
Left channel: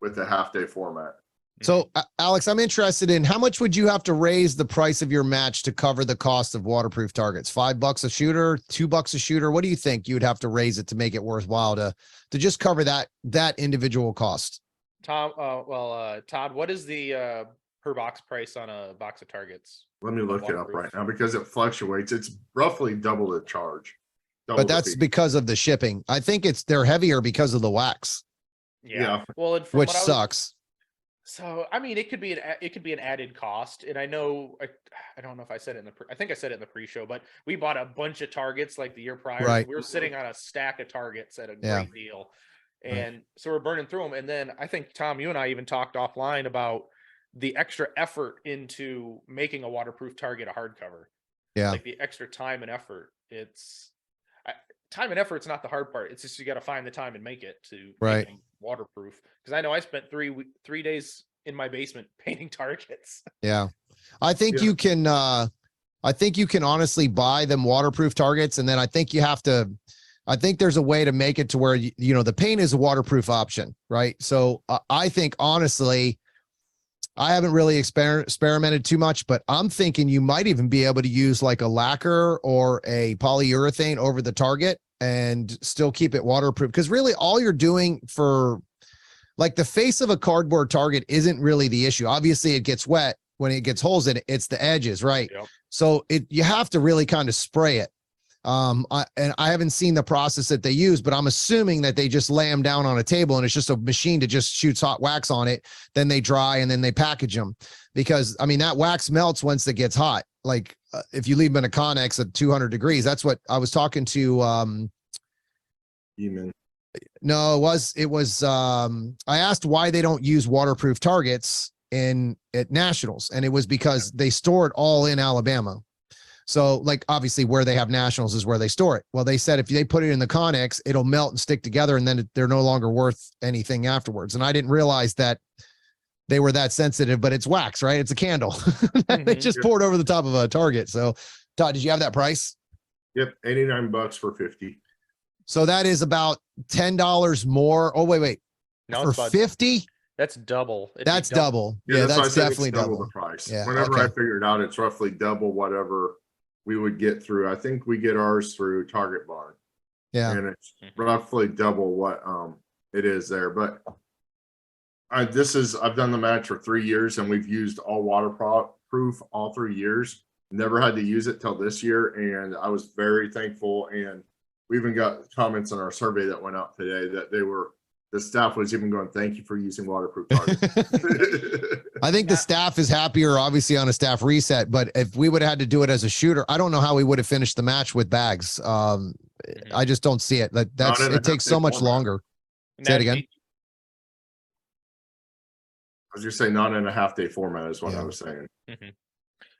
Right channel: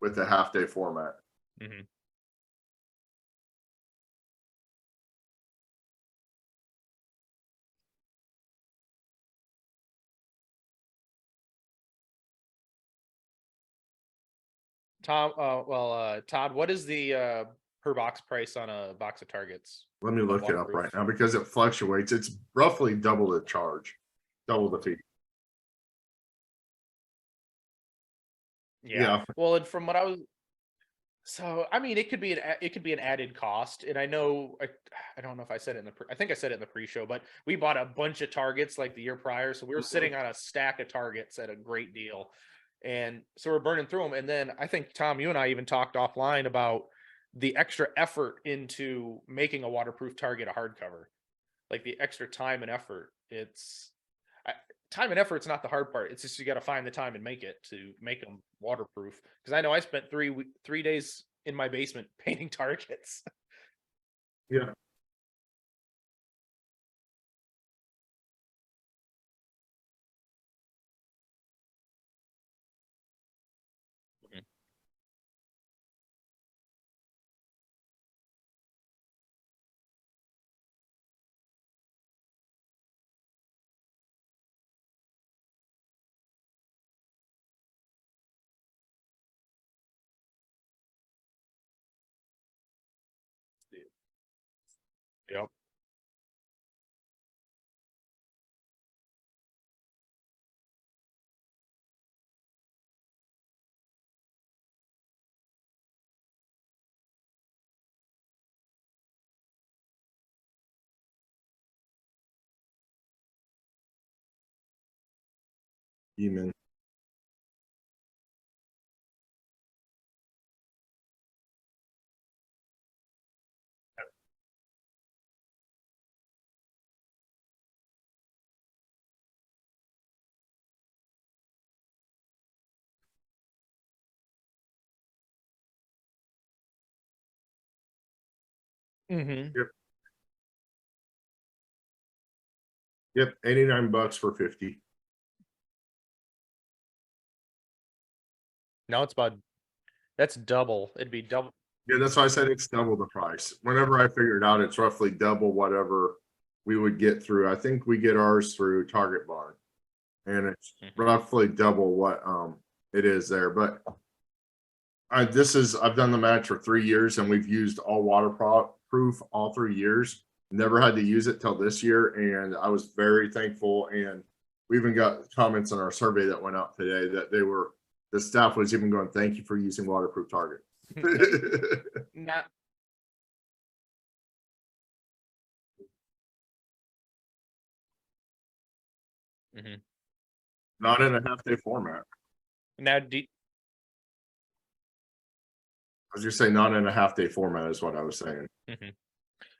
with the half-day format. So, Alex, I'm interested in how much would you have to raise the price of your match to cover the cost of waterproof targets? $5 a shooter, $2 a shooter? What do you think you would have to raise it to make it worthwhile to just cover that individual cost? Todd, what is the per box price on a box of targets. Let me look it up right now because it fluctuates. It's roughly double the charge. But that's because of the shipping. I think they're heavier because of the wax. Yeah. Well, and from which sucks. So, I mean, it could be an added cost. And I know, I don't know if I said it I think I said it in the pre-show, but we bought a bunch of targets like the year prior. Right. So we were sitting on a stack of targets at a great deal. And so we're burning through them. And then I think, Tom, you and I even talked offline about the extra effort into making a waterproof target a hardcover. Yeah. Like the extra time and effort. Time and effort's not the hard part. It's just you got to find the time and make it to make them waterproof. Because I know I spent 3 days in my basement painting targets. Yeah, I think you can. I think you can honestly buy them waterproof targets, and then I think you have to. I think there's a way to make it to where the paint is a waterproof option, right? So I think honestly, I haven't really experimented too much, but I'm thinking you might even be able to use like a lacquer or a polyurethane over the target and still keep it waterproof. Because really all you're doing for like the face of a cardboard target isn't really the issue. Obviously it gets wet when it gets holes in it. It's the edges, right? Yep. So you have to really kind of spray it. I haven't seen the process that they use, but I'm assuming that they just lay them down on a table and it's just a machine that just shoots hot wax on it. Then they dry and then they package them because I mean, that wax melts once it gets hot. Like if you leave them in a Connex at 200 degrees, that's what I was talking to. No, it was, I asked why they don't use waterproof targets at nationals. And it was because they store it all in Alabama. So like obviously where they have nationals is where they store it. Well, they said if they put it in the Connex, it'll melt and stick together and then they're no longer worth anything afterwards. And I didn't realize that they were that sensitive, but it's wax, right? It's a candle. They just poured over the top of a target. So Todd, did you have that price? Yep. $89 for 50. So that is about $10 more. Oh, wait. No, it's for 50. That's double. That's double. Yeah, that's why I said it's double the price. Yeah, Whenever I figured out it's roughly double whatever we would get through. I think we get ours through Target Barn. Yeah. And it's roughly double what it is there. But I've done the match for 3 years and we've used all waterproof all 3 years. Never had to use it till this year. And I was very thankful. And we even got comments on our survey that went out today that the staff was even going, thank you for using waterproof targets. I think the staff is happier, obviously, on a staff reset. But if we would have had to do it as a shooter, I don't know how we would have finished the match with bags. I just don't see it. It takes so much longer. Say it again. I was just saying, not in a half-day format is what I was saying.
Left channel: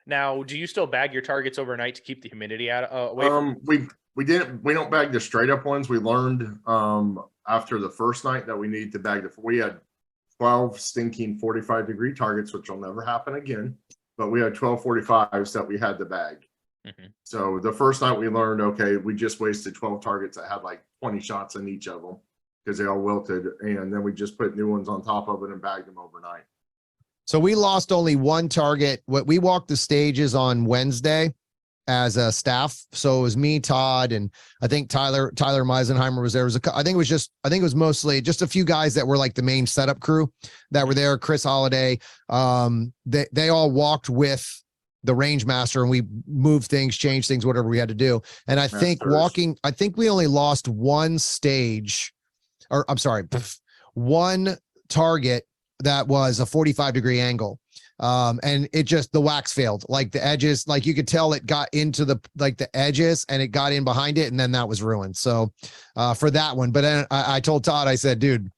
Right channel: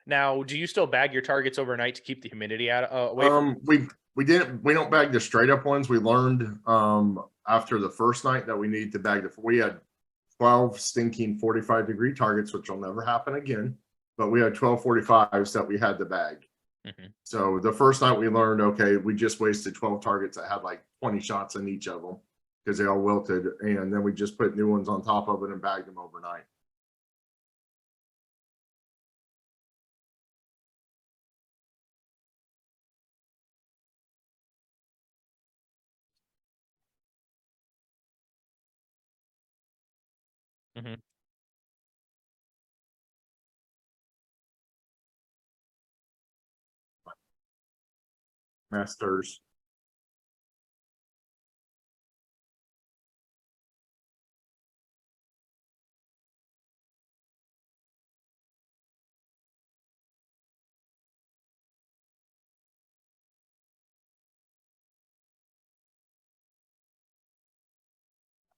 Now, do you still bag your targets overnight to keep the humidity away from? We don't bag the straight up ones. We learned after the first night that we need to bag we had 12 stinking 45-degree targets, which will never happen again. But we had 12 45s that we had to bag. So the first night we learned, okay, we just wasted 12 targets that had like 20 shots in each of them because they all wilted. And then we just put new ones on top of it and bagged them overnight. So we lost only one target. We walked the stages on Wednesday as a staff. So it was me, Todd, and I think Tyler Meisenheimer was there. I think it was mostly just a few guys that were like the main setup crew that were there. Chris Holiday. They all walked with the range master and we moved things, changed things, whatever we had to do. And I think we only lost one stage, or I'm sorry, one target that was a 45-degree angle. And it just, the wax failed, like the edges, like you could tell it got into the edges and it got in behind it. And then that was ruined. So, for that one, but then I told Todd, I said, dude,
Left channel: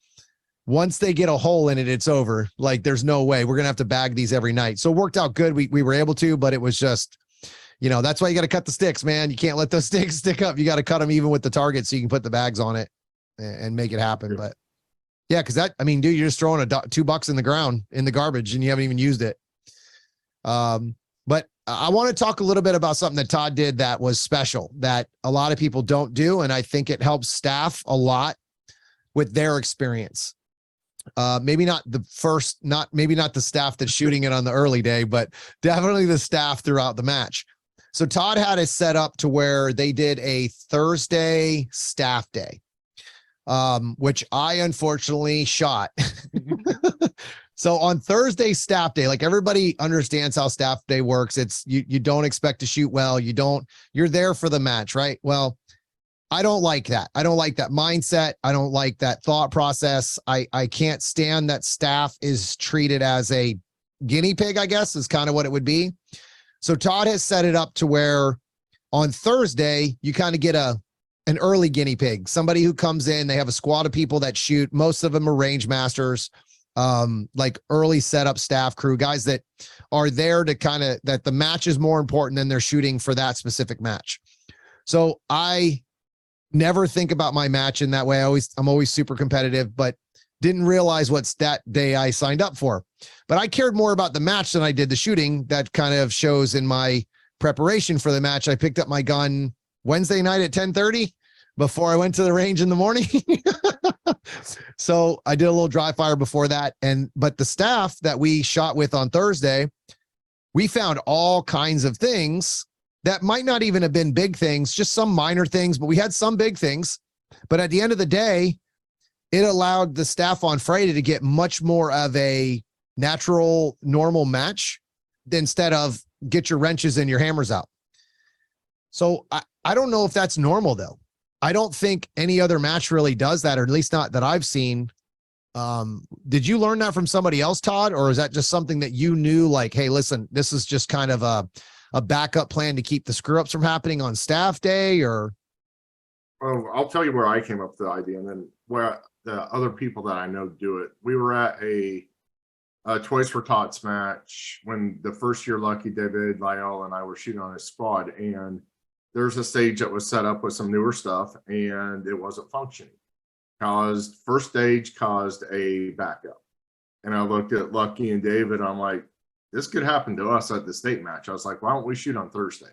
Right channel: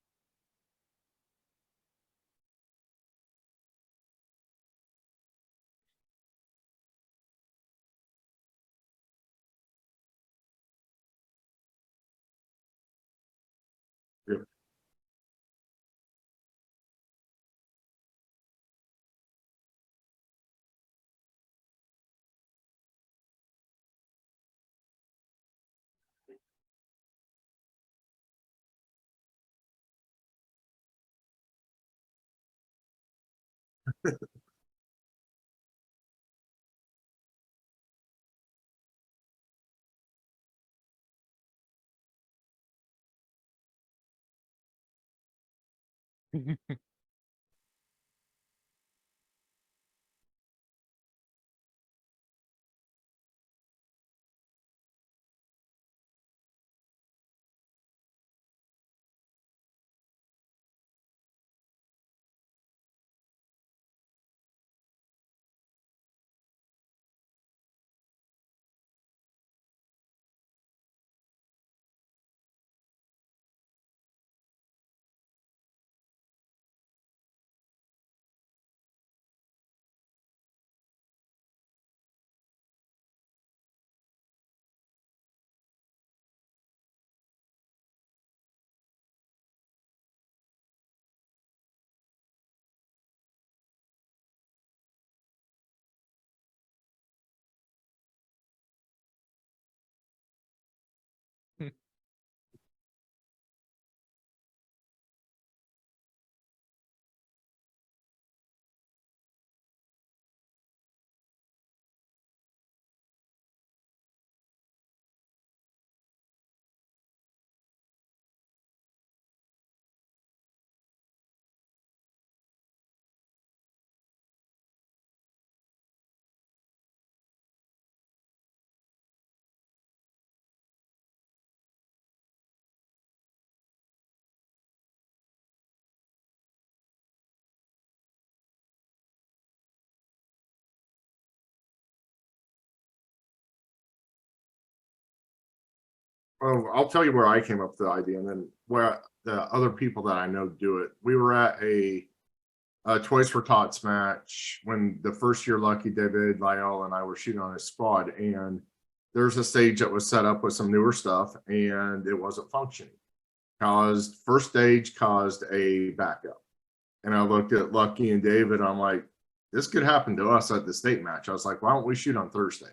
once they get a hole in it, it's over. Like there's no way we're going to have to bag these every night. So it worked out good. We were able to, but it was just, that's why you got to cut the sticks, man. You can't let those sticks stick up. You got to cut them even with the target so you can put the bags on it and make it happen. But yeah, because dude, you're just throwing $2 in the ground in the garbage and you haven't even used it. But I want to talk a little bit about something that Todd did that was special that a lot of people don't do. And I think it helps staff a lot with their experience. Maybe not the staff that's shooting it on the early day, but definitely the staff throughout the match. So Todd had it set up to where they did a Thursday staff day. Which I unfortunately shot. So on Thursday staff day, like everybody understands how staff day works. It's you don't expect to shoot well. You're there for the match, right? Well, I don't like that. I don't like that mindset. I don't like that thought process. I can't stand that staff is treated as a guinea pig, I guess is kind of what it would be. So Todd has set it up to where on Thursday, you kind of get an early guinea pig, somebody who comes in, they have a squad of people that shoot. Most of them are range masters, like early setup staff crew, guys that are there to kind of, that the match is more important than they're shooting for that specific match. So I never think about my match in that way. I'm always super competitive, but didn't realize what stat day I signed up for. But I cared more about the match than I did the shooting. That kind of shows in my preparation for the match. I picked up my gun Wednesday night at 10:30 before I went to the range in the morning. So I did a little dry fire before that. But the staff that we shot with on Thursday, we found all kinds of things that might not even have been big things, just some minor things, but we had some big things. But at the end of the day, it allowed the staff on Friday to get much more of a natural, normal match instead of get your wrenches and your hammers out. So I don't know if that's normal though. I don't think any other match really does that, or at least not that I've seen. Did you learn that from somebody else, Todd? Or is that just something that you knew, like, hey, listen, this is just kind of a backup plan to keep the screw ups from happening on staff day? Or Well, I'll tell you where I came up with the idea, and then where the other people that I know do it. We were at a Toys for Tots match when the first year Lucky David Lyle and I were shooting on his squad, and there's a stage that was set up with some newer stuff, and it wasn't functioning. First stage caused a backup, and I looked at Lucky and David. I'm like, this could happen to us at the state match. I was like, why don't we shoot on Thursday?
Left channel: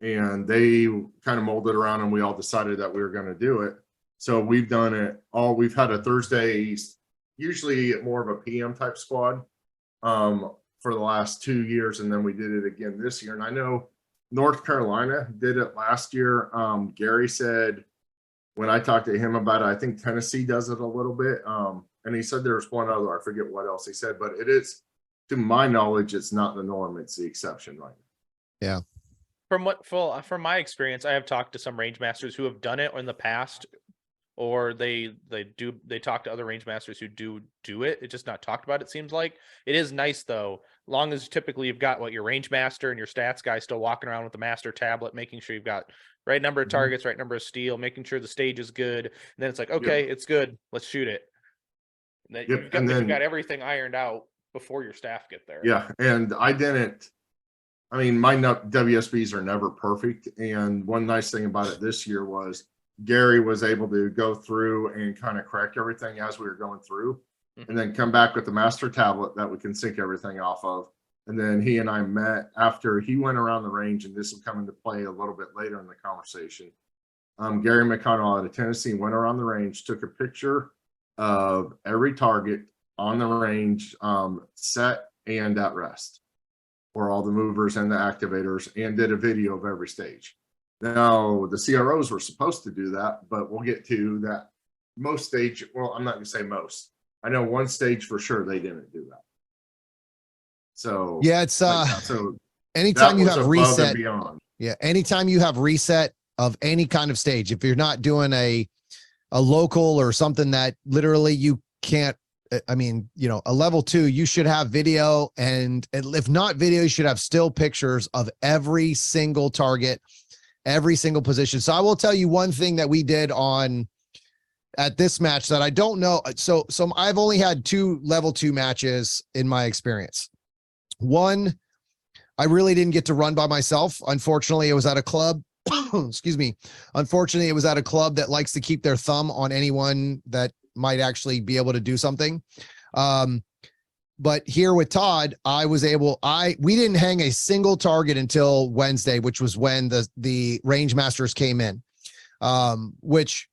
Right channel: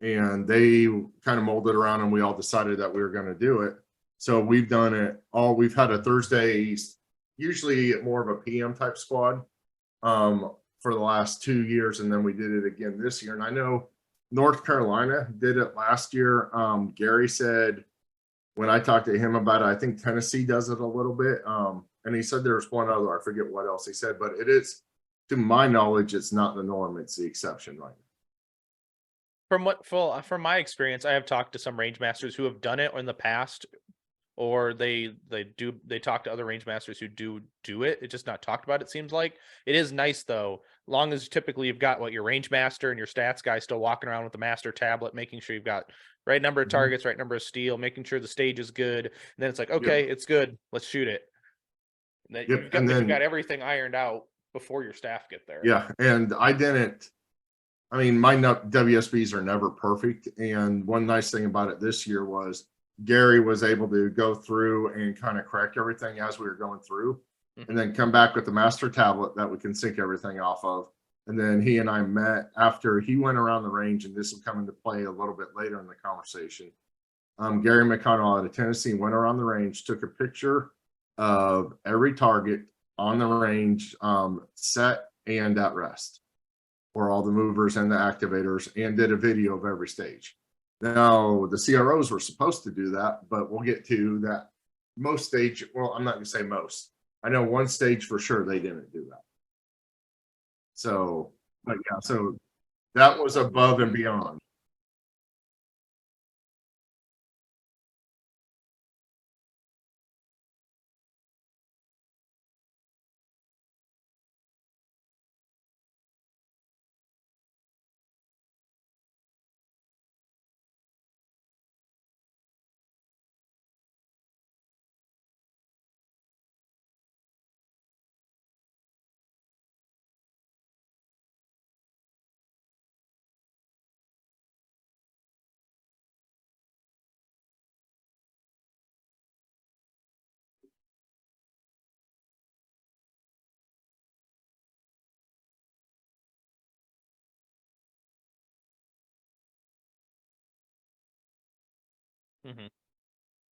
And they kind of molded around, and we all decided that we were going to do it. So we've done it all. We've had a Thursday, usually more of a PM type squad, for the last 2 years. And then we did it again this year. And I know North Carolina did it last year. Gary said, when I talked to him about it, I think Tennessee does it a little bit. And he said there's one other, I forget what else he said, but it is, to my knowledge, it's not the norm. It's the exception right now. yeah. From my experience, I have talked to some range masters who have done it in the past, or they talk to other range masters who do it. It's just not talked about. It seems like it is nice though, long as typically you've got your range master and your stats guy still walking around with the master tablet, making sure you've got right number of targets, right number of steel, making sure the stage is good. And then it's like, okay, it's good. Let's shoot it. You've got everything ironed out before your staff get there. Yeah. And my WSBs are never perfect. And one nice thing about it this year was Gary was able to go through and kind of correct everything as we were going through, and then come back with the master tablet that we can sync everything off of. And then he and I met after he went around the range, and this will come into play a little bit later in the conversation. Gary McConnell out of Tennessee went around the range, took a picture of every target on the range, set and at rest, for all the movers and the activators, and did a video of every stage. Now, the CROs were supposed to do that, but we'll get to that. Most stage, well, I'm not going to say most. I know one stage for sure they didn't do that. So yeah, it's so anytime that was you have above reset, and beyond. Yeah, anytime you have reset of any kind of stage, if you're not doing a local or something that literally you can't, a level 2, you should have video, and if not video, you should have still pictures of every single target, every single position. So I will tell you one thing that we did at this match that I don't know. So I've only had 2 level 2 matches in my experience. One, I really didn't get to run by myself. Unfortunately, it was at a club. Excuse me. Unfortunately, it was at a club that likes to keep their thumb on anyone that might actually be able to do something. But here with Todd, we didn't hang a single target until Wednesday, which was when the range masters came in, which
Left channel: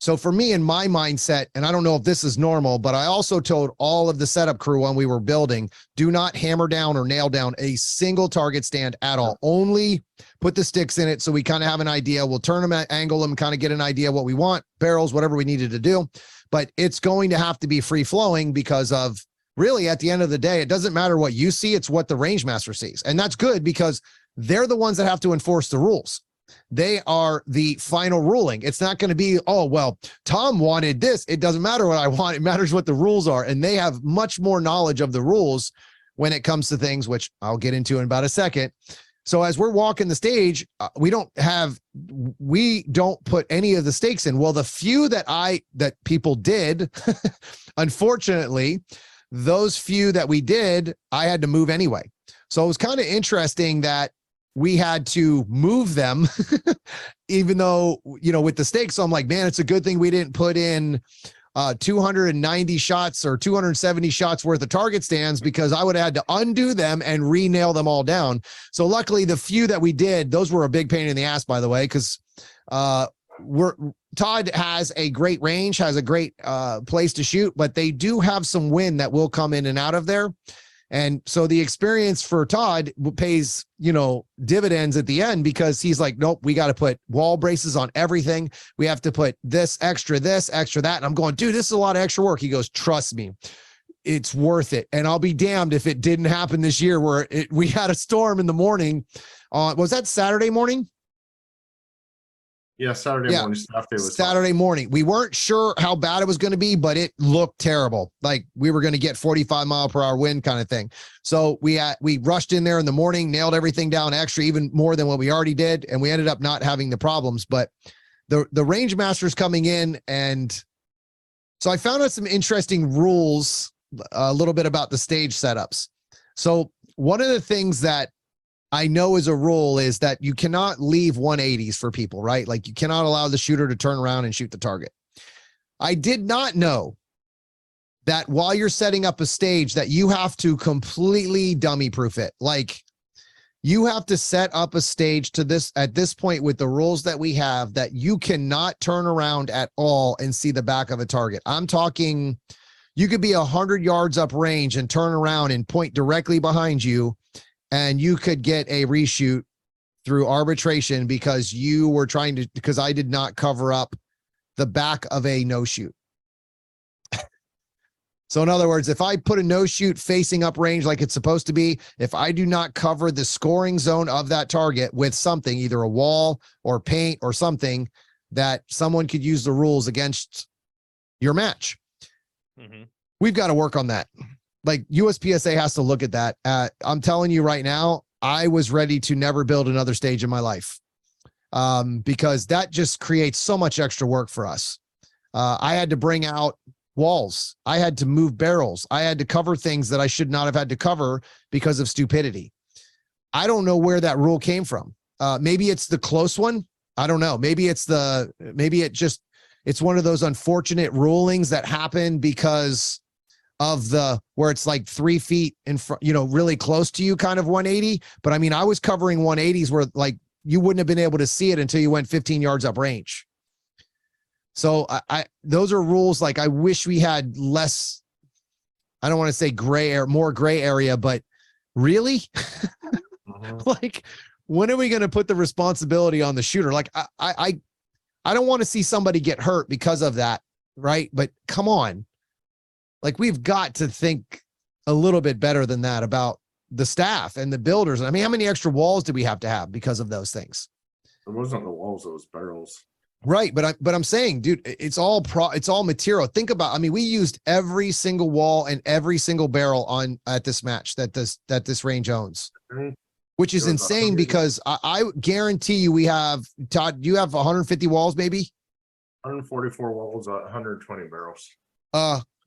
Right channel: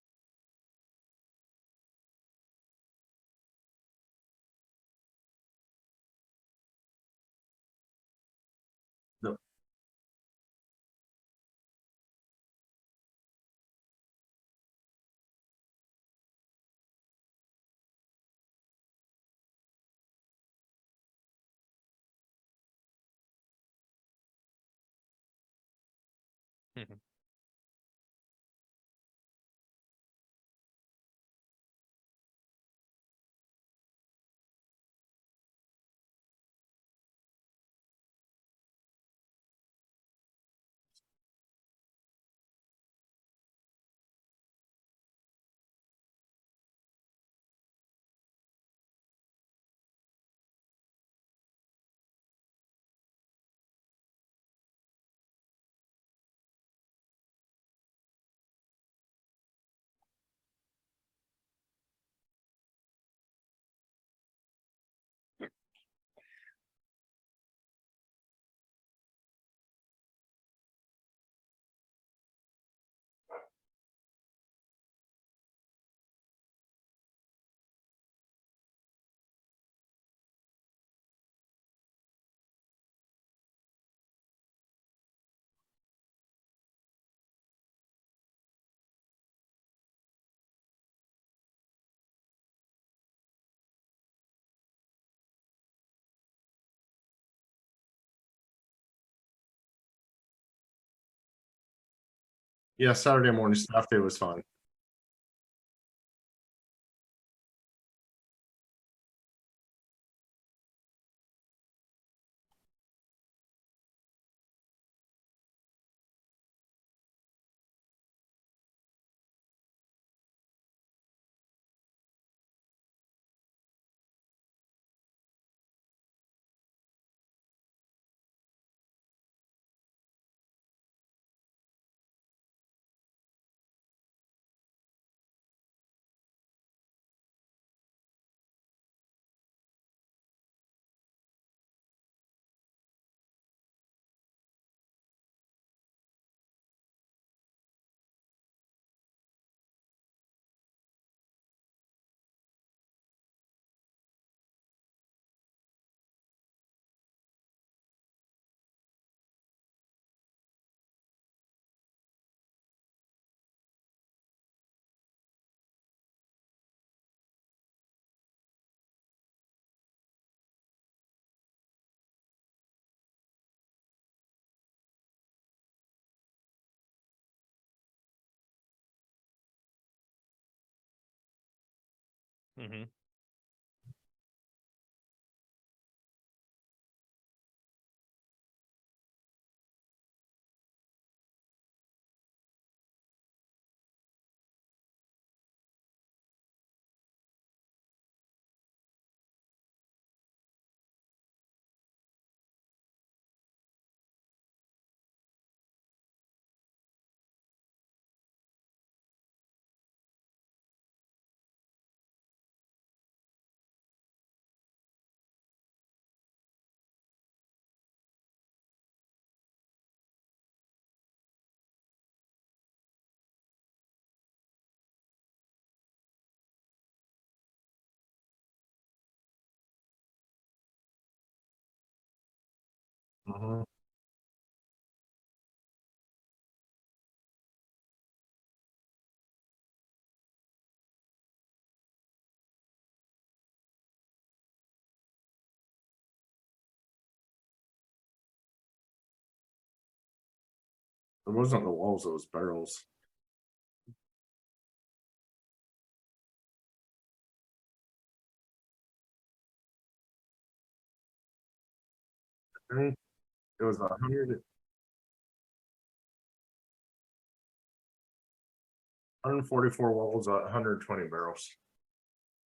So for me, in my mindset, and I don't know if this is normal, but I also told all of the setup crew when we were building, do not hammer down or nail down a single target stand at all. Only put the sticks in it so we kind of have an idea. We'll turn them, angle them, kind of get an idea what we want, barrels, whatever we needed to do. But it's going to have to be free flowing because of, really, at the end of the day, it doesn't matter what you see, it's what the range master sees. And that's good because they're the ones that have to enforce the rules. They are the final ruling. It's not going to be, oh, well, Tom wanted this. It doesn't matter what I want. It matters what the rules are. And they have much more knowledge of the rules when it comes to things, which I'll get into in about a second. So as we're walking the stage, we don't put any of the stakes in. Well, the few that people did, unfortunately, those few that we did, I had to move anyway. So it was kind of interesting that we had to move them, even though, with the stakes. So I'm like, man, it's a good thing we didn't put in 290 shots or 270 shots worth of target stands, because I would have had to undo them and re-nail them all down. So luckily the few that we did, those were a big pain in the ass, by the way, because Todd has a great range, has a great place to shoot, but they do have some wind that will come in and out of there. And so the experience for Todd pays, dividends at the end, because he's like, nope, we got to put wall braces on everything. We have to put this, extra that. And I'm going, dude, this is a lot of extra work. He goes, trust me, it's worth it. And I'll be damned if it didn't happen this year where we had a storm in the morning. Was that Saturday morning? Yeah, Saturday morning. Saturday morning. We weren't sure how bad it was going to be, but it looked terrible. Like we were going to get 45-mile-per-hour wind kind of thing. So we rushed in there in the morning, nailed everything down extra, even more than what we already did, and we ended up not having the problems. But the range master's coming in, and so I found out some interesting rules, a little bit about the stage setups. So one of the things that I know as a rule is that you cannot leave 180s for people, right? Like you cannot allow the shooter to turn around and shoot the target. I did not know that while you're setting up a stage that you have to completely dummy proof it. Like you have to set up a stage at this point with the rules that we have, that you cannot turn around at all and see the back of a target. I'm talking, you could be 100 yards up range and turn around and point directly behind you, and you could get a reshoot through arbitration because because I did not cover up the back of a no shoot. So in other words, if I put a no shoot facing up range like it's supposed to be, if I do not cover the scoring zone of that target with something, either a wall or paint or something, that someone could use the rules against your match. Mm-hmm. We've got to work on that. Like USPSA has to look at that. I'm telling you right now, I was ready to never build another stage in my life, because that just creates so much extra work for us. I had to bring out walls. I had to move barrels. I had to cover things that I should not have had to cover because of stupidity. I don't know where that rule came from. Maybe it's the close one. I don't know. Maybe it's one of those unfortunate rulings that happen because of where it's like 3 feet in front, really close to you, kind of 180. But I mean, I was covering 180s where like you wouldn't have been able to see it until you went 15 yards up range. So those are rules. Like I wish we had less, I don't want to say more gray area, but really like, when are we going to put the responsibility on the shooter? Like I don't want to see somebody get hurt because of that. Right. But come on. Like we've got to think a little bit better than that about the staff and the builders. I mean, how many extra walls do we have to have because of those things? It wasn't the walls, it was barrels. Right. But I'm saying, dude, it's all material. Think about, I mean, we used every single wall and every single barrel at this match that this range owns, which is insane because I guarantee you we have, Todd, you have 150 walls, maybe 144 walls, 120 barrels.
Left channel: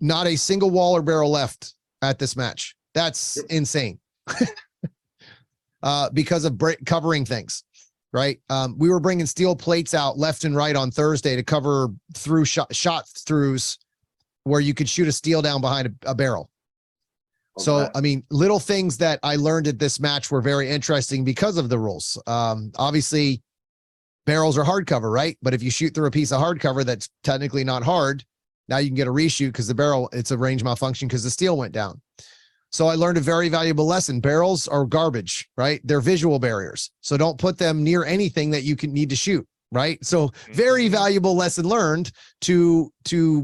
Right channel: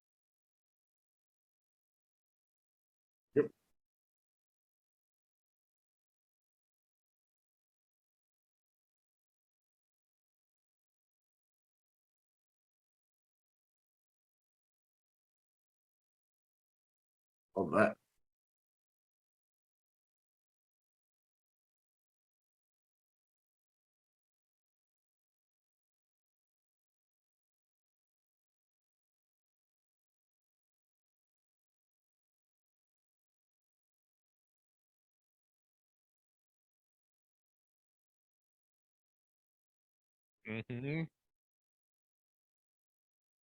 Not a single wall or barrel left at this match. That's insane. Because of covering things, right? We were bringing steel plates out left and right on Thursday to cover through shot throughs where you could shoot a steel down behind a barrel. So, I mean, little things that I learned at this match were very interesting because of the rules. Obviously, barrels are hardcover, right? But if you shoot through a piece of hardcover that's technically not hard, now you can get a reshoot because the barrel, it's a range malfunction because the steel went down. So I learned a very valuable lesson. Barrels are garbage, right? They're visual barriers. So don't put them near anything that you can need to shoot, right? So very valuable lesson learned to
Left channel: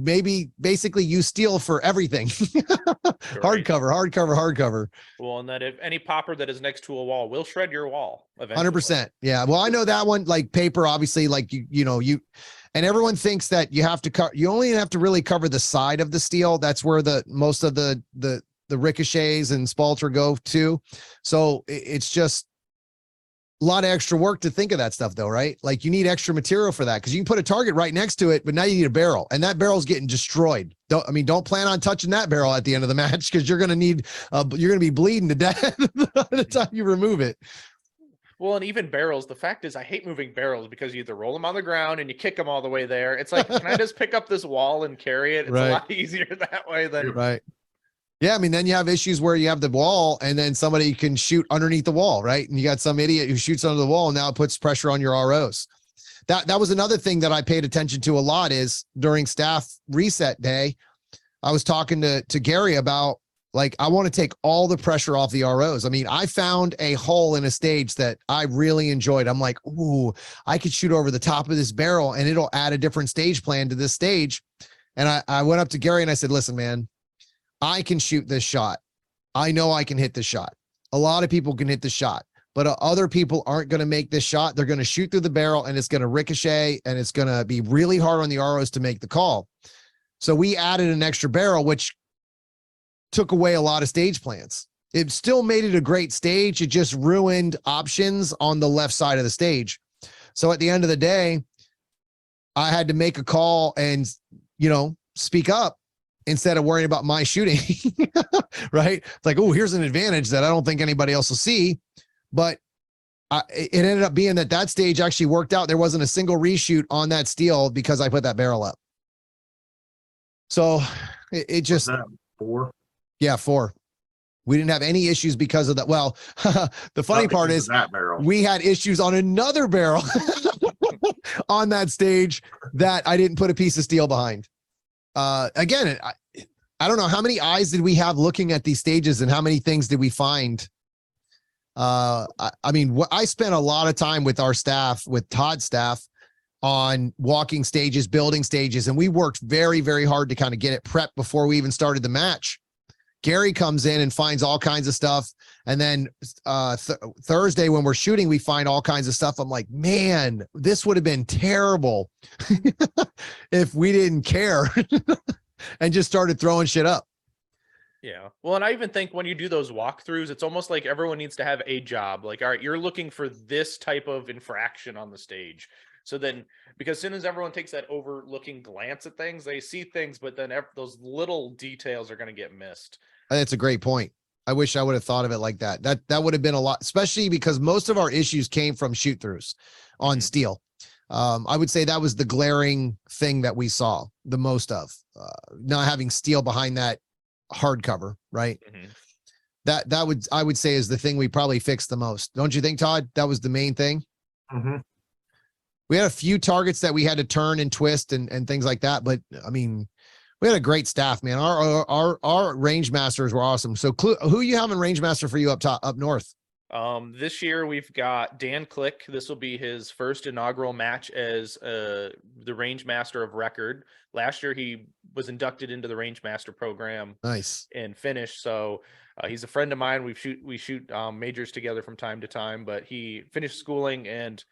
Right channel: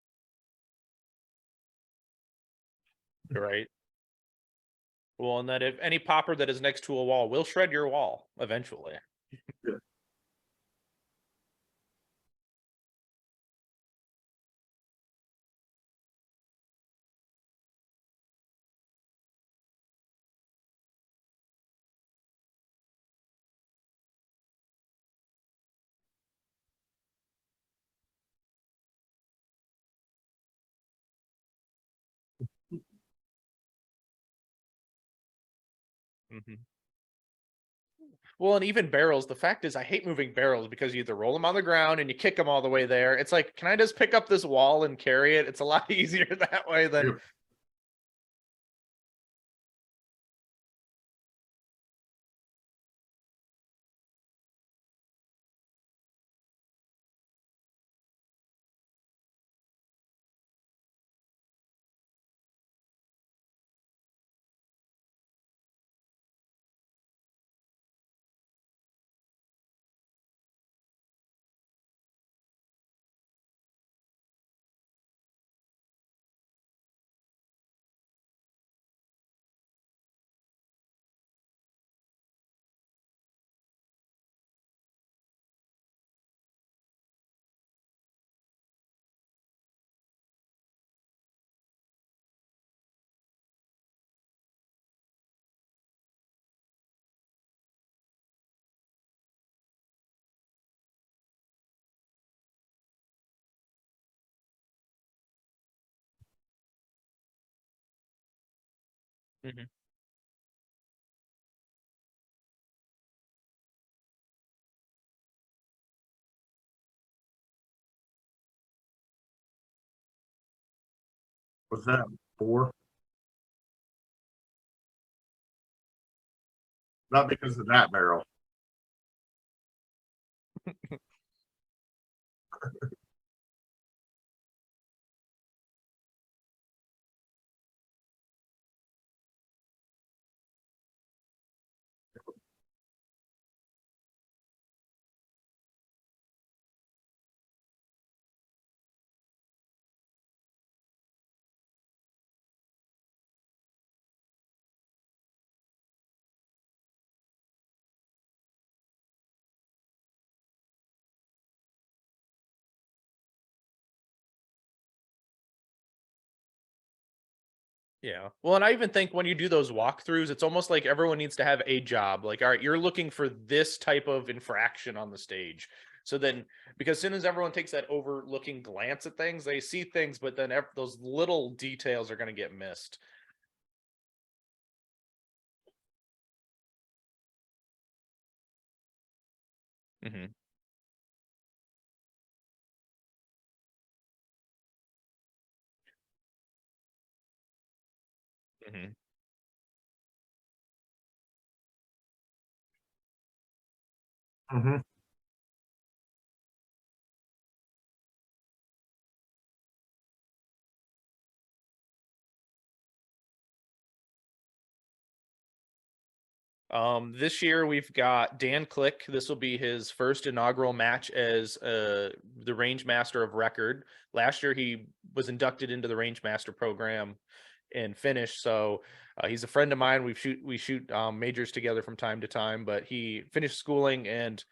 maybe basically use steel for everything. Right. Hardcover. Well, and that if any popper that is next to a wall will shred your wall eventually. 100%. Yeah. Well, I know that one, like paper, obviously, like and everyone thinks that you have to you only have to really cover the side of the steel. That's where most of the ricochets and spalter go to. So it's just a lot of extra work to think of that stuff though, right? Like you need extra material for that because you can put a target right next to it, but now you need a barrel and that barrel's getting destroyed. Don't plan on touching that barrel at the end of the match because you're going to be bleeding to death by the time you remove it. Well, and even barrels, the fact is I hate moving barrels because you either roll them on the ground and you kick them all the way there. It's like, can I just pick up this wall and carry it? It's a lot easier that way than right. Yeah, I mean, then you have issues where you have the wall and then somebody can shoot underneath the wall, right? And you got some idiot who shoots under the wall and now it puts pressure on your ROs. That was another thing that I paid attention to a lot is during staff reset day, I was talking to Gary about, like, I want to take all the pressure off the ROs. I mean, I found a hole in a stage that I really enjoyed. I'm like, ooh, I could shoot over the top of this barrel and it'll add a different stage plan to this stage. And I went up to Gary and I said, listen, man, I can shoot this shot. I know I can hit this shot. A lot of people can hit the shot, but other people aren't going to make this shot. They're going to shoot through the barrel and it's going to ricochet and it's going to be really hard on the ROs to make the call. So we added an extra barrel, which took away a lot of stage plans. It still made it a great stage. It just ruined options on the left side of the stage. So at the end of the day, I had to make a call and, speak up instead of worrying about my shooting, right? It's like, oh, here's an advantage that I don't think anybody else will see. But it ended up being that stage actually worked out. There wasn't a single reshoot on that steel because I put that barrel up. So it just... Was that 4? Yeah, 4. We didn't have any issues because of that. Well, the funny part is that barrel. We had issues on another barrel on that stage that I didn't put a piece of steel behind. Again, I don't know how many eyes did we have looking at these stages and how many things did we find? I spent a lot of time with our staff, with Todd's staff, on walking stages, building stages, and we worked very, very hard to kind of get it prepped before we even started the match. Gary comes in and finds all kinds of stuff. And then Thursday when we're shooting, we find all kinds of stuff. I'm like, man, this would have been terrible if we didn't care and just started throwing shit up. Yeah. Well, and I even think when you do those walkthroughs, it's almost like everyone needs to have a job. Like, all right, you're looking for this type of infraction on the stage. So then, because as soon as everyone takes that overlooking glance at things, they see things, but then those little details are going to get missed. That's a great point. I wish I would have thought of it like that. That would have been a lot, especially because most of our issues came from shoot throughs on steel. I would say that was the glaring thing that we saw the most of, not having steel behind that hardcover, right? I would say is the thing we probably fixed the most. Don't you think, Todd? That was the main thing. We had a few targets that we had to turn and twist and things like that. But I mean, we had a great staff, man. Our range masters were awesome. So who you having range master for you up north? This year we've got Dan Click. This will be his first inaugural match as the range master of record. Last year he was inducted into the range master program. Nice. And finished. So he's a friend of mine. We shoot majors together from time to time, but he finished schooling and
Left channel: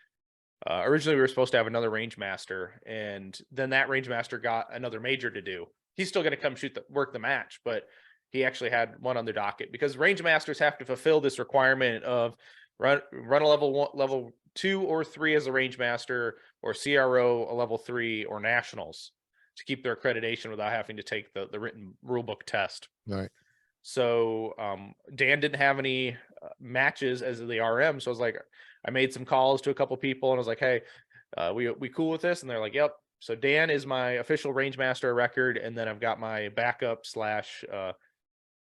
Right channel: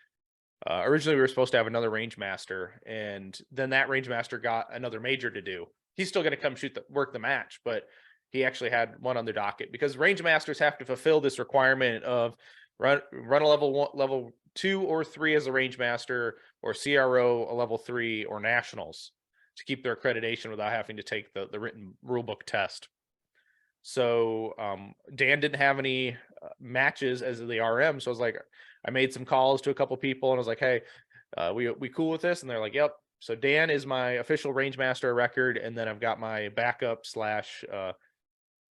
originally we were supposed to have another range master, and then that range master got another major to do. He's still going to come work the match, but he actually had one on the docket because range masters have to fulfill this requirement of run a level 2 or 3 as a range master, or CRO a level 3, or nationals to keep their accreditation without having to take the written rule book test. Right. So Dan didn't have any matches as the RM, so I was like, I made some calls to a couple people and I was like, hey, we cool with this? And they're like, yep. So Dan is my official range master record, and then I've got my backup /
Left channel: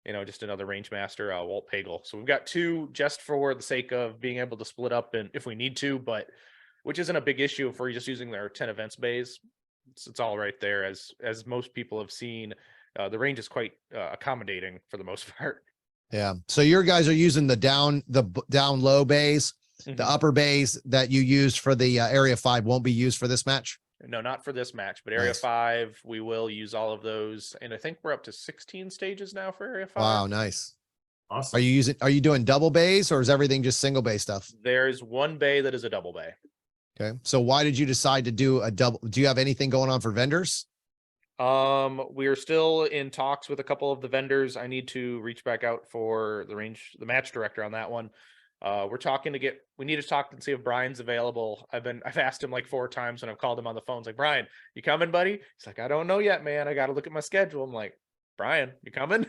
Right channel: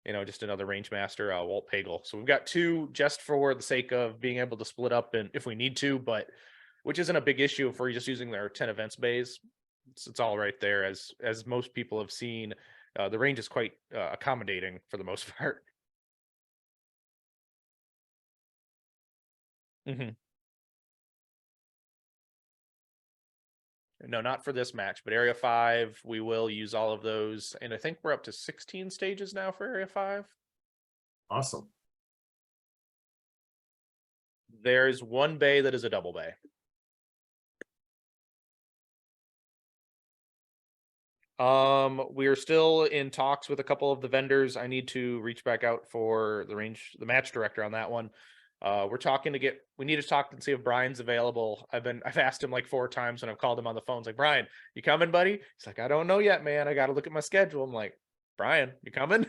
just another range master, Walt Pagel. So we've got 2 just for the sake of being able to split up and if we need to, but which isn't a big issue if we're just using their 10 events bays. It's all right there. As most people have seen, the range is quite accommodating for the most part. Yeah. So your guys are using the down low bays, Mhm. the upper bays that you used for the Area 5 won't be used for this match. No, not for this match, but Area Nice. 5, we will use all of those. And I think we're up to 16 stages now for Area 5. Wow, nice. Awesome. Are you doing double bays or is everything just single bay stuff? There's one bay that is a double bay. Okay. So why did you decide to do a double? Do you have anything going on for vendors? We're still in talks with a couple of the vendors. I need to reach back out for the match director on that one. We need to talk and see if Brian's available. I've asked him like 4 times when I've called him on the phone. It's like, Brian, you coming, buddy? He's like, I don't know yet, man. I got to look at my schedule. I'm like, Brian, you coming?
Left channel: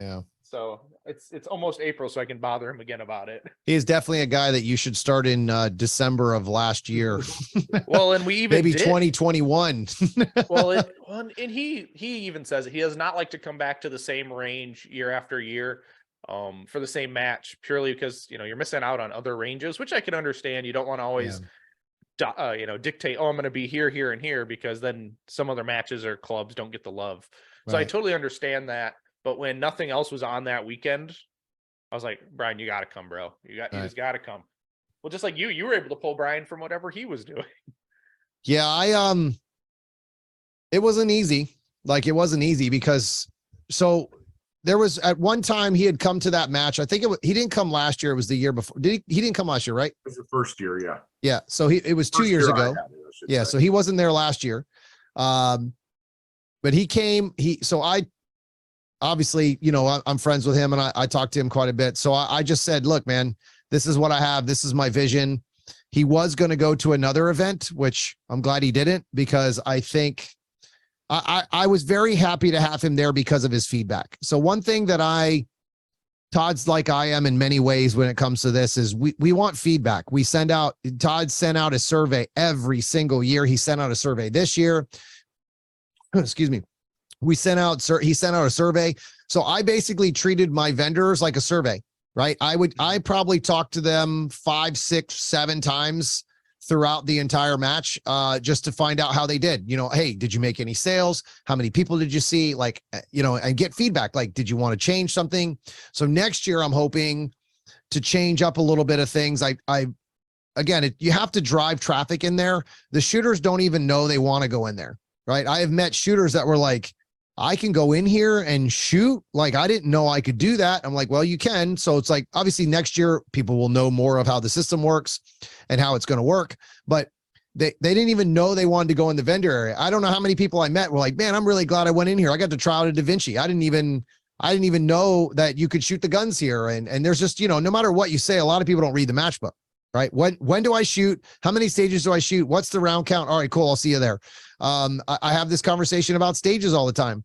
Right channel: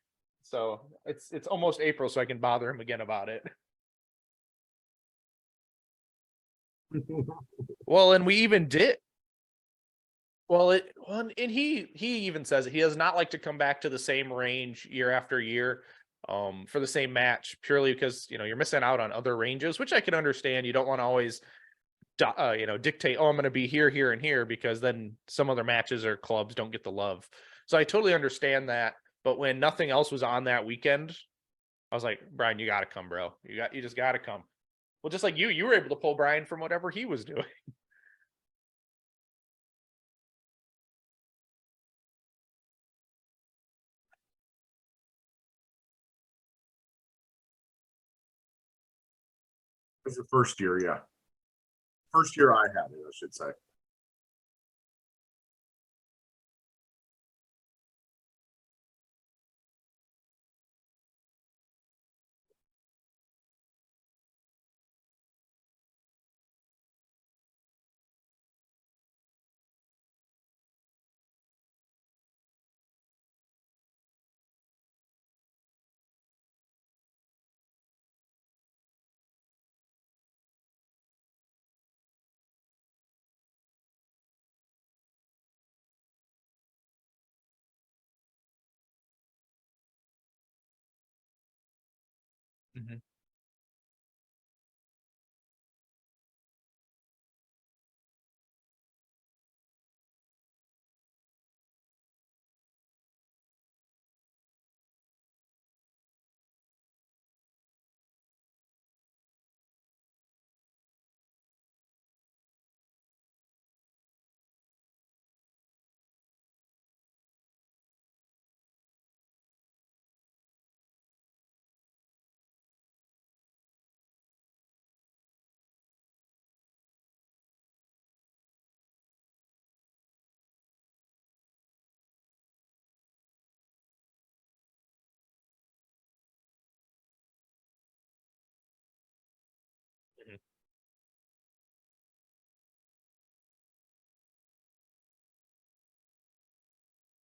Yeah. So it's almost April, so I can bother him again about it. He is definitely a guy that you should start in December of last year. Well, and we even maybe did 2021. and he even says he does not like to come back to the same range year after year for the same match, purely because you're missing out on other ranges, which I can understand. You don't want to always dictate, I'm going to be here, here, and here, because then some other matches or clubs don't get the love. So I totally understand that. But when nothing else was on that weekend, I was like, Brian, you got to come, bro. You just got to come. Well, just like you were able to pull Brian from whatever he was doing. Yeah, it wasn't easy. Like, it wasn't easy because there was at one time he had come to that match. I think he didn't come last year. It was the year before. He didn't come last year, right? It was the first year. Yeah. Yeah. So it was 2 years ago. Yeah. So he wasn't there last year. But he came, obviously, I'm friends with him and I talked to him quite a bit. So I just said, look, man, this is what I have. This is my vision. He was going to go to another event, which I'm glad he didn't, because I think I was very happy to have him there because of his feedback. So one thing that Todd's like I am in many ways when it comes to this is we want feedback. Todd sent out a survey every single year. He sent out a survey this year. Excuse me. He sent out a survey. So I basically treated my vendors like a survey, right? I probably talked to them 5, 6, 7 times throughout the entire match, just to find out how they did. Hey, did you make any sales? How many people did you see? Like, and get feedback. Like, did you want to change something? So next year I'm hoping to change up a little bit of things. You have to drive traffic in there. The shooters don't even know they want to go in there, right? I have met shooters that were like, I can go in here and shoot. Like, I didn't know I could do that. I'm like, well, you can. So it's like, obviously next year people will know more of how the system works and how it's going to work. But they didn't even know they wanted to go in the vendor area. I don't know how many people I met were like, man, I'm really glad I went in here. I got to try out a Da Vinci. I didn't even know that you could shoot the guns here. And there's just, no matter what you say, a lot of people don't read the match book, right? When do I shoot? How many stages do I shoot? What's the round count? All right, cool. I'll see you there. I have this conversation about stages all the time.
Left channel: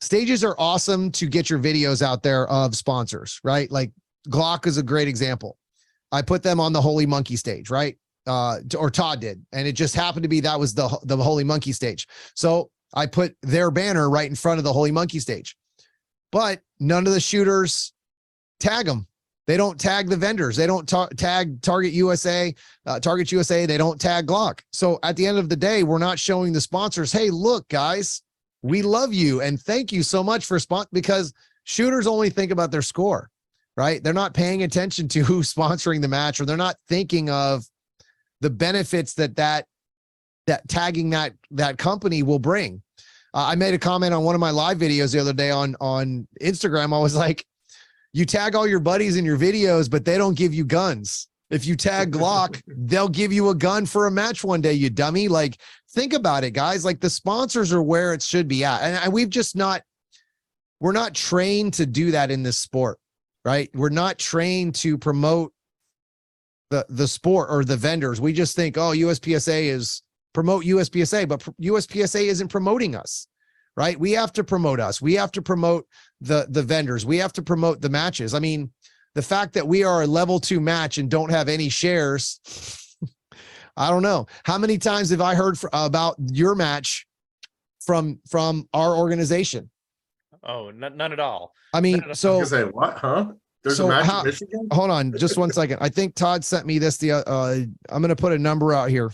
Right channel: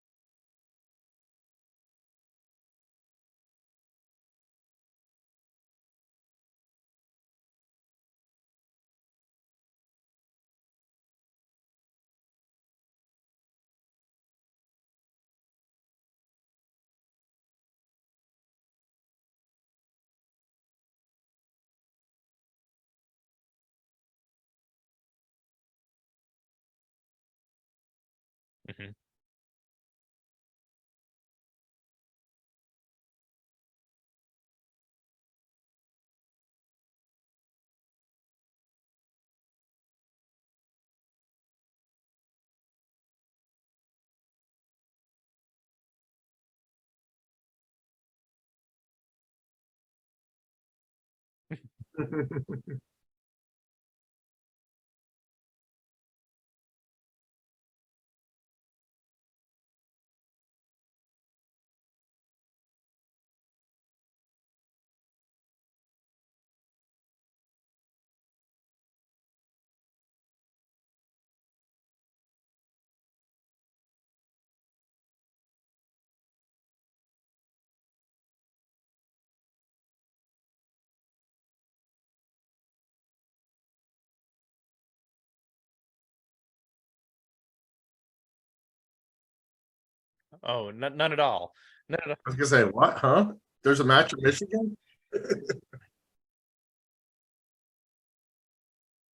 Stages are awesome to get your videos out there of sponsors, right? Like Glock is a great example. I put them on the Holy Monkey stage, right? Or Todd did. And it just happened to be, that was the Holy Monkey stage. So I put their banner right in front of the Holy Monkey stage, but none of the shooters tag them. They don't tag the vendors. They don't tag Target USA. They don't tag Glock. So at the end of the day, we're not showing the sponsors, hey, look, guys, we love you and thank you so much for because shooters only think about their score, right? They're not paying attention to who's sponsoring the match, or they're not thinking of the benefits that tagging that company will bring. I made a comment on one of my live videos the other day on Instagram. I was like, you tag all your buddies in your videos, but they don't give you guns. If you tag Glock, they'll give you a gun for a match one day, you dummy. Like, think about it, guys. Like, the sponsors are where it should be at. And we're not trained to do that in this sport, right? We're not trained to promote the sport or the vendors. We just think, oh, USPSA is promote USPSA, but USPSA isn't promoting us, right? We have to promote us. We have to promote the vendors. We have to promote the matches. I mean, the fact that we are a level 2 match and don't have any shares, I don't know. How many times have I heard about your match from our organization? Oh, none at all. I mean, I was gonna say, what, huh? There's a match in Michigan. Hold on, just 1 second. I think Todd sent me this. I'm going to put a number out here.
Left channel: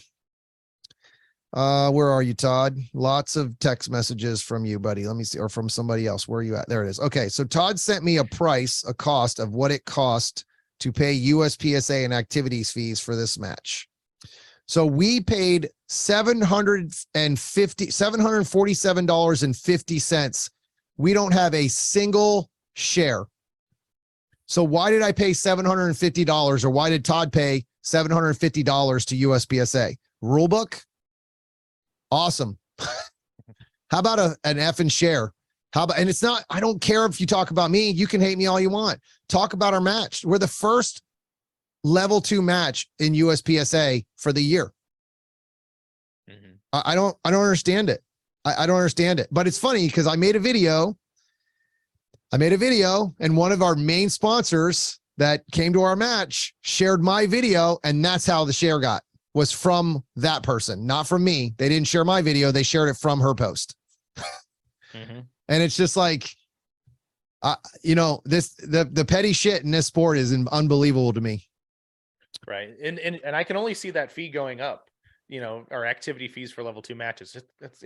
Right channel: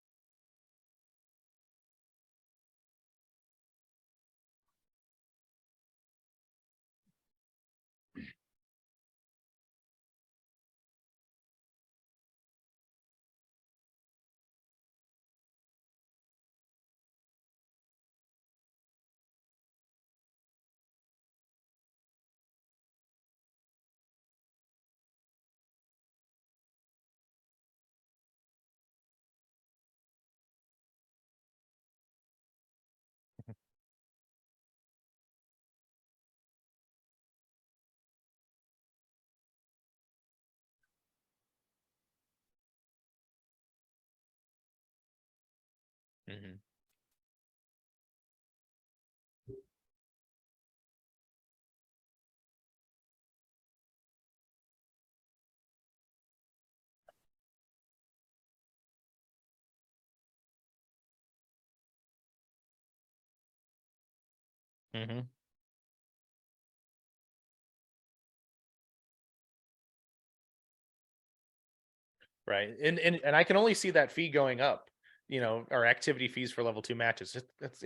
Where are you, Todd? Lots of text messages from you, buddy. Let me see, or from somebody else. Where are you at? There it is. Okay, so Todd sent me a cost of what it cost to pay USPSA and activities fees for this match. So we paid $747.50. We don't have a single share. So why did I pay $750, or why did Todd pay $750 to USPSA? Rule book? Awesome. How about an effing share? How about, and it's not, I don't care if you talk about me, you can hate me all you want. Talk about our match. We're the first level 2 match in USPSA for the year. Mm-hmm. I don't understand it. I don't understand it, but it's funny because I made a video and one of our main sponsors that came to our match shared my video, and that's how the share was from that person, not from me. They didn't share my video. They shared it from her post. Mm-hmm. And it's just like, the petty shit in this sport is unbelievable to me. Right. And I can only see that fee going up, our activity fees for level 2 matches. It's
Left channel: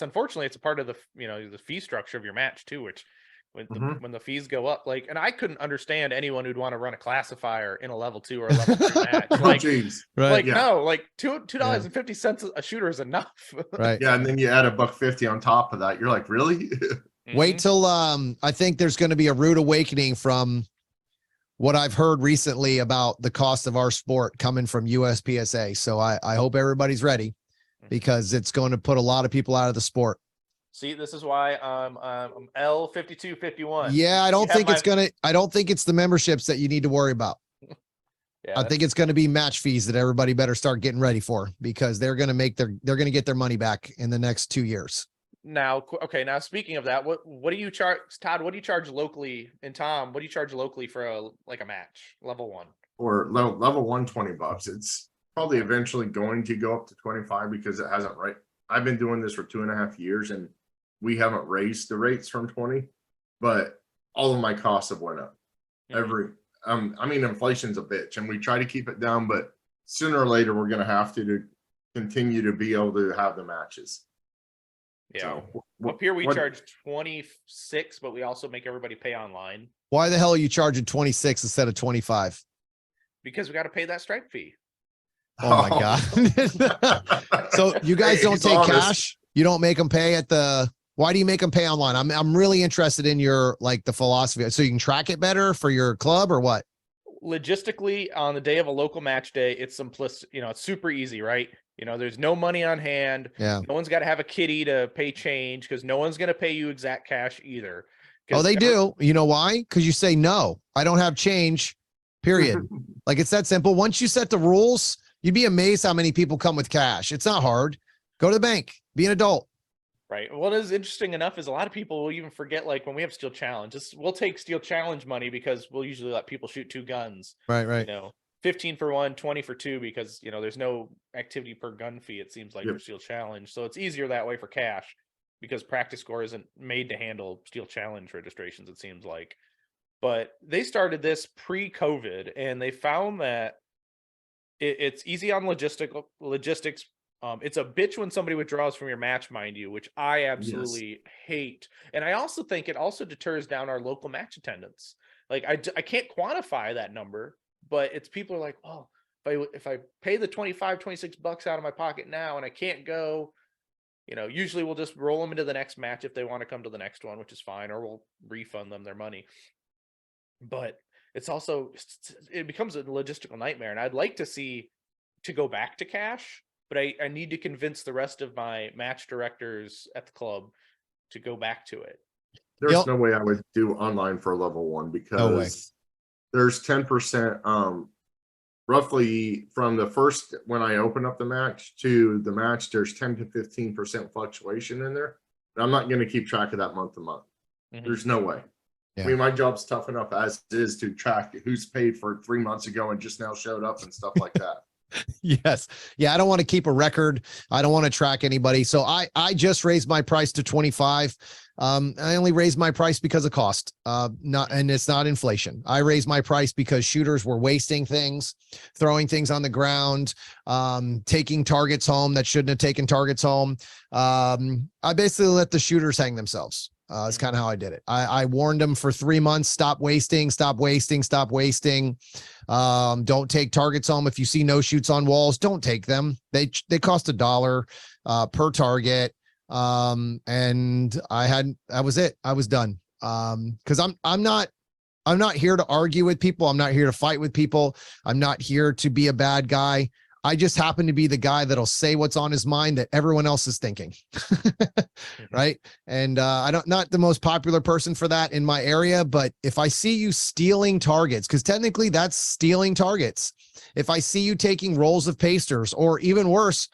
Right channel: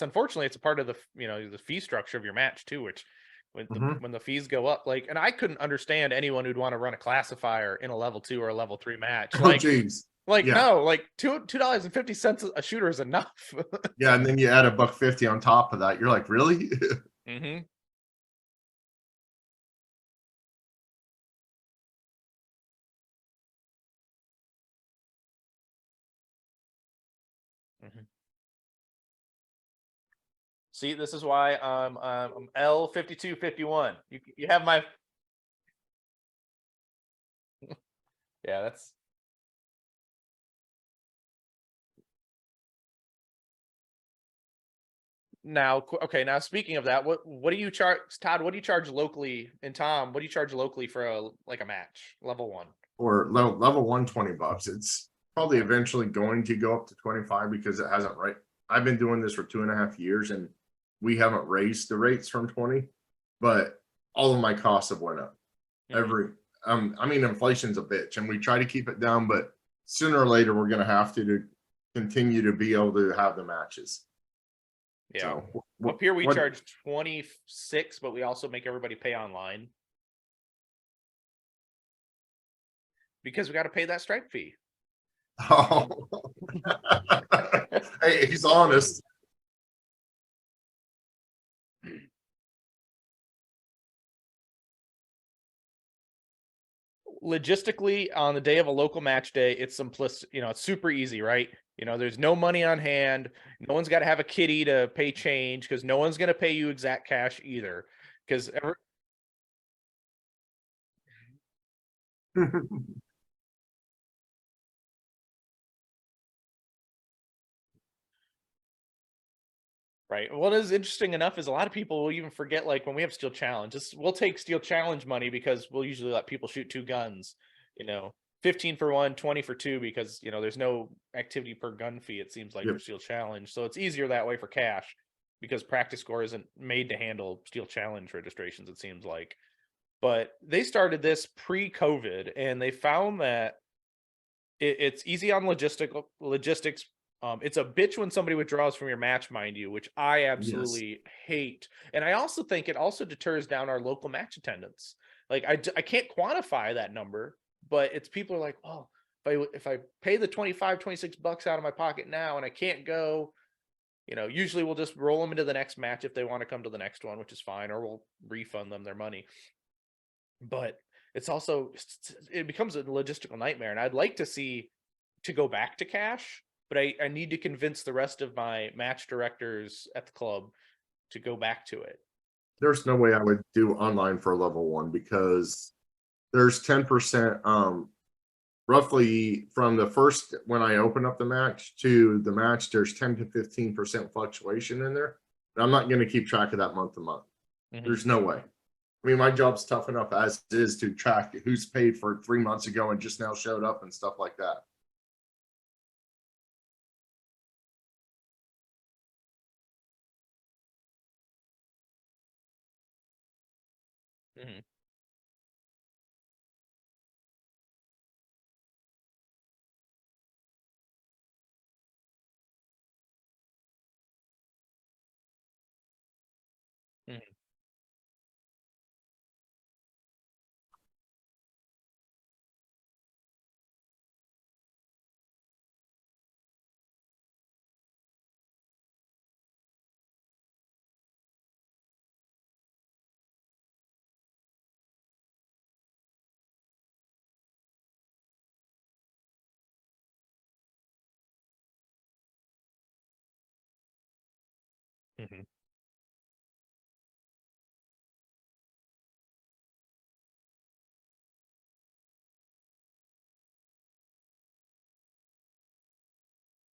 unfortunately, it's a part of the, the fee structure of your match too, which when the fees go up, and I couldn't understand anyone who'd want to run a classifier in a level 2 or a level 3 match. No, $2.50 a shooter is enough. Right. Yeah. And then you add $1.50 on top of that. You're like, really? Wait till, I think there's going to be a rude awakening from what I've heard recently about the cost of our sport coming from USPSA. So I hope everybody's ready, because it's going to put a lot of people out of the sport. See, this is why I'm L5251. Yeah, I don't think it's the memberships that you need to worry about. Yeah, I think it's going to be match fees that everybody better start getting ready for, because they're going to get their money back in the next 2 years. Now, speaking of that, what do you charge, Todd? What do you charge locally? And Tom, what do you charge locally for a match, level 1? Or level 1, $20. It's probably eventually going to go up to 25 because it hasn't, right? I've been doing this for 2.5 years and we haven't raised the rates from 20, but all of my costs have went up. Inflation's a bitch and we try to keep it down, but sooner or later we're going to have to continue to be able to have the matches. Yeah. So, up here we charge 26, but we also make everybody pay online. Why the hell are you charging 26 instead of 25? Because we got to pay that stripe fee. Oh my God. So you guys don't take cash? You don't make them pay why do you make them pay online? I'm really interested in your, the philosophy. So you can track it better for your club or what? Logistically, on the day of a local match day, it's simplistic, it's super easy, right? There's no money on hand. Yeah. No one's got to have a kitty to pay change, because no one's going to pay you exact cash either. Oh, they do. You know why? Because you say, no, I don't have change, period. It's that simple. Once you set the rules, you'd be amazed how many people come with cash. It's not hard. Go to the bank, be an adult. Right. What is interesting enough is a lot of people will even forget, when we have Steel Challenge, we'll take Steel Challenge money because we'll usually let people shoot 2 guns. Right. 15 for 1, 20 for 2, because, there's no activity per gun fee, it seems like, for Steel Challenge. So it's easier that way for cash, because Practice Score isn't made to handle Steel Challenge registrations, it seems like. But they started this pre-COVID, and they found that it's easy on logistics. It's a bitch when somebody withdraws from your match, mind you, which I absolutely hate. And I also think it also deters down our local match attendance. I can't quantify that number, but it's people are like, oh, if I pay the $26 out of my pocket now and I can't go, usually we'll just roll them into the next match if they want to come to the next one, which is fine, or we'll refund them their money. But it becomes a logistical nightmare. And I'd like to go back to cash, but I need to convince the rest of my match directors at the club to go back to it. There's no way I would do online for level 1, because there's 10%, roughly from the first, when I open up the match to the match, there's 10 to 15% fluctuation in there. And I'm not going to keep track of that month to month. There's no way. Yeah. My job's tough enough as is to track who's paid for 3 months ago and just now showed up and stuff like that. Yes. Yeah. I don't want to keep a record. I don't want to track anybody. So I just raised my price to 25. I only raised my price because of cost, and it's not inflation. I raised my price because shooters were wasting things, throwing things on the ground, taking targets home that shouldn't have taken targets home. I basically let the shooters hang themselves. It's kind of how I did it. I warned them for 3 months, stop wasting, stop wasting, stop wasting. Don't take targets home. If you see no shoots on walls, don't take them. They cost $1 per target. And that was it. I was done. Cause I'm not here to argue with people. I'm not here to fight with people. I'm not here to be a bad guy. I just happen to be the guy that'll say what's on his mind that everyone else is thinking. Right. And, not the most popular person for that in my area, but if I see you stealing targets, cause technically that's stealing targets. If I see you taking rolls of pasters, or even worse,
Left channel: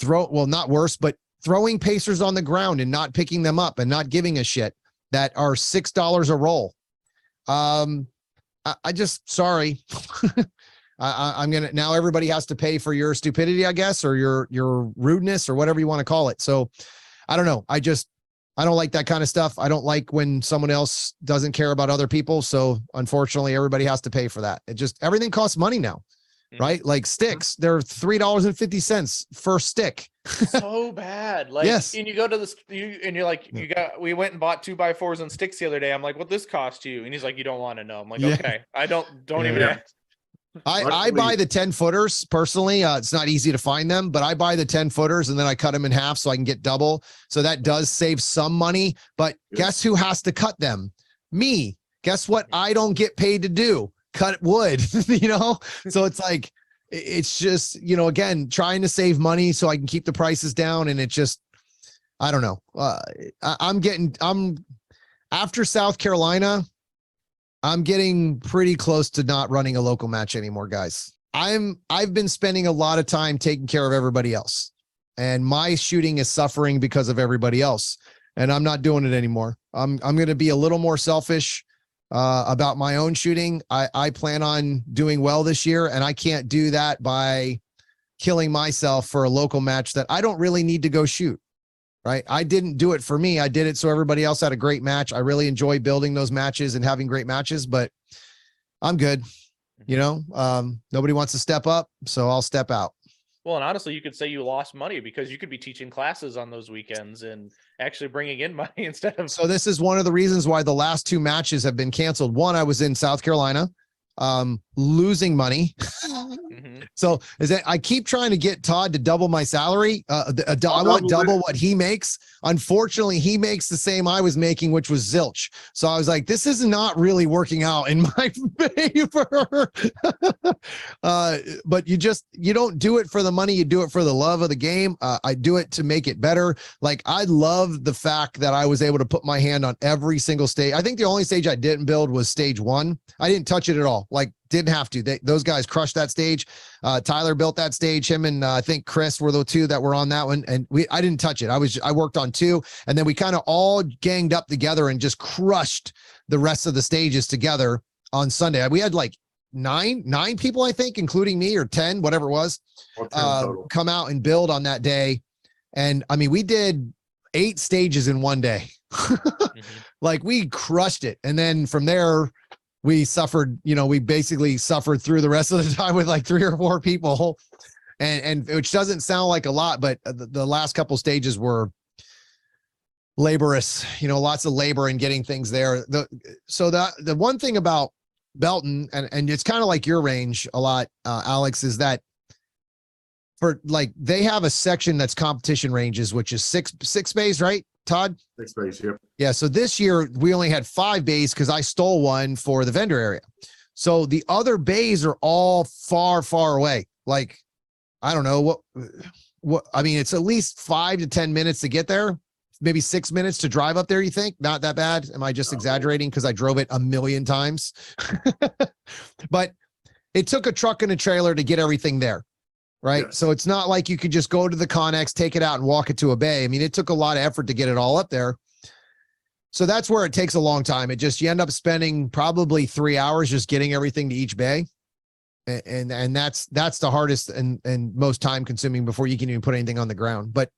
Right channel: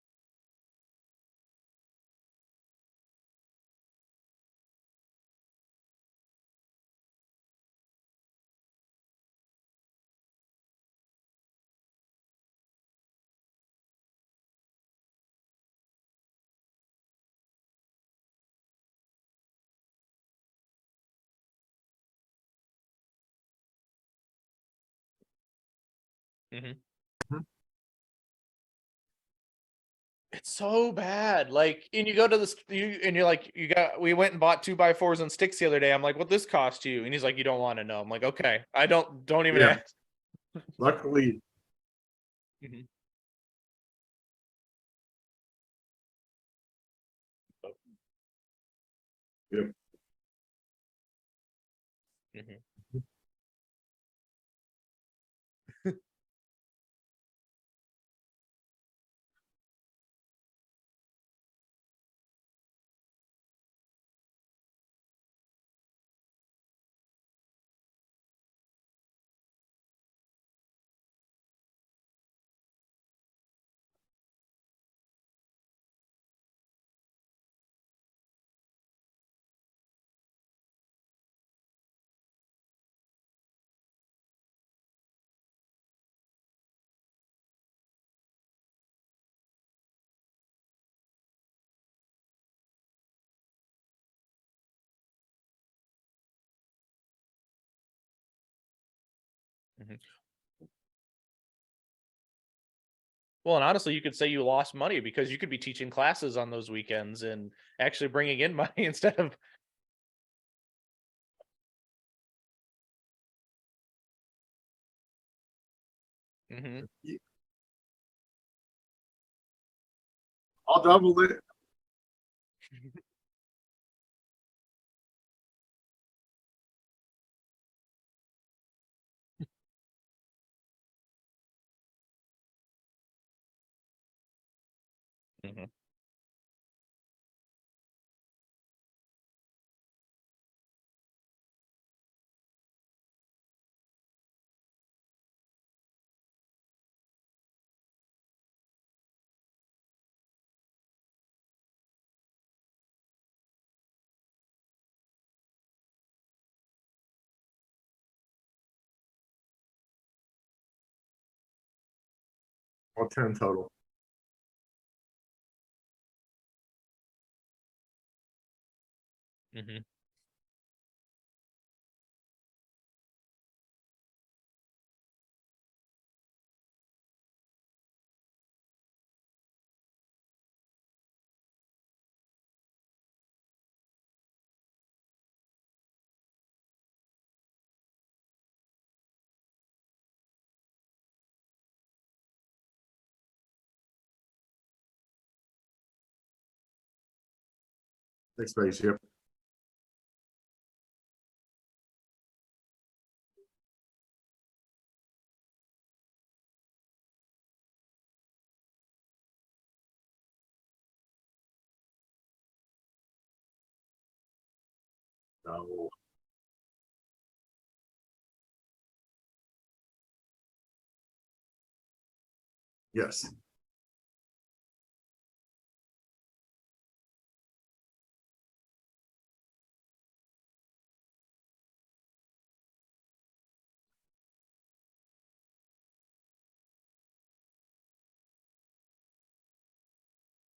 not worse, but throwing pasters on the ground and not picking them up and not giving a shit, that are $6 a roll. I just, sorry. I'm going to, now everybody has to pay for your stupidity, I guess, or your rudeness or whatever you want to call it. So I don't know. I don't like that kind of stuff. I don't like when someone else doesn't care about other people. So unfortunately, everybody has to pay for that. Everything costs money now, right? Like sticks, they're $3.50 per stick. So bad. Like, yes. And you go to you're like, we went and bought 2x4s and sticks the other day. I'm like, what this cost you? And he's like, you don't want to know. I'm like, okay, I don't even ask. I buy the 10 footers personally. It's not easy to find them, but I buy the 10 footers and then I cut them in half so I can get double. So that does save some money, but guess who has to cut them? Me. Guess what? I don't get paid to do, cut wood, So it's like, it's just, again, trying to save money so I can keep the prices down. And it just, I don't know. I'm after South Carolina, I'm getting pretty close to not running a local match anymore, guys. I've been spending a lot of time taking care of everybody else, and my shooting is suffering because of everybody else, and I'm not doing it anymore. I'm going to be a little more selfish about my own shooting. I plan on doing well this year, and I can't do that by killing myself for a local match that I don't really need to go shoot. Right. I didn't do it for me. I did it so everybody else had a great match. I really enjoy building those matches and having great matches, but I'm good. Nobody wants to step up, so I'll step out. Well, and honestly, you could say you lost money because you could be teaching classes on those weekends and actually bringing in money instead of. So this is one of the reasons why the last 2 matches have been canceled. One, I was in South Carolina, losing money. So I keep trying to get Todd to double my salary. I want double what he makes. Unfortunately, he makes the same I was making, which was zilch. So I was like, this is not really working out in my favor. But you don't do it for the money. You do it for the love of the game. I do it to make it better. Like, I love the fact that I was able to put my hand on every single stage. I think the only stage I didn't build was stage 1. I didn't touch it at all. Like, didn't have to. Those guys crushed that stage. Tyler built that stage. Him and I think Chris were the 2 that were on that one. And I didn't touch it. I worked on 2, and then we kind of all ganged up together and just crushed the rest of the stages together on Sunday. We had like nine people, I think, including me, or 10, whatever it was, come out and build on that day. And I mean, we did 8 stages in one day. Like, we crushed it. And then from there, we suffered, we basically suffered through the rest of the time with like 3 or 4 people, and which doesn't sound like a lot, but the last couple stages were laborious, lots of labor in getting things there. The one thing about Belton, and it's kind of like your range a lot, Alex, is that for like, they have a section that's competition ranges, which is six bays, right, Todd? 6 bays, yep. Yeah. So this year we only had 5 bays because I stole one for the vendor area. So the other bays are all far, far away. Like, I don't know what, I mean, it's at least 5 to 10 minutes to get there. Maybe 6 minutes to drive up there. You think? Not that bad. Am I just exaggerating? Cause I drove it a million times, but it took a truck and a trailer to get everything there. Right. Yes. So it's not like you could just go to the Connex, take it out and walk it to a bay. I mean, it took a lot of effort to get it all up there. So that's where it takes a long time. You end up spending probably 3 hours just getting everything to each bay. And that's the hardest and most time consuming before you can even put anything on the ground. But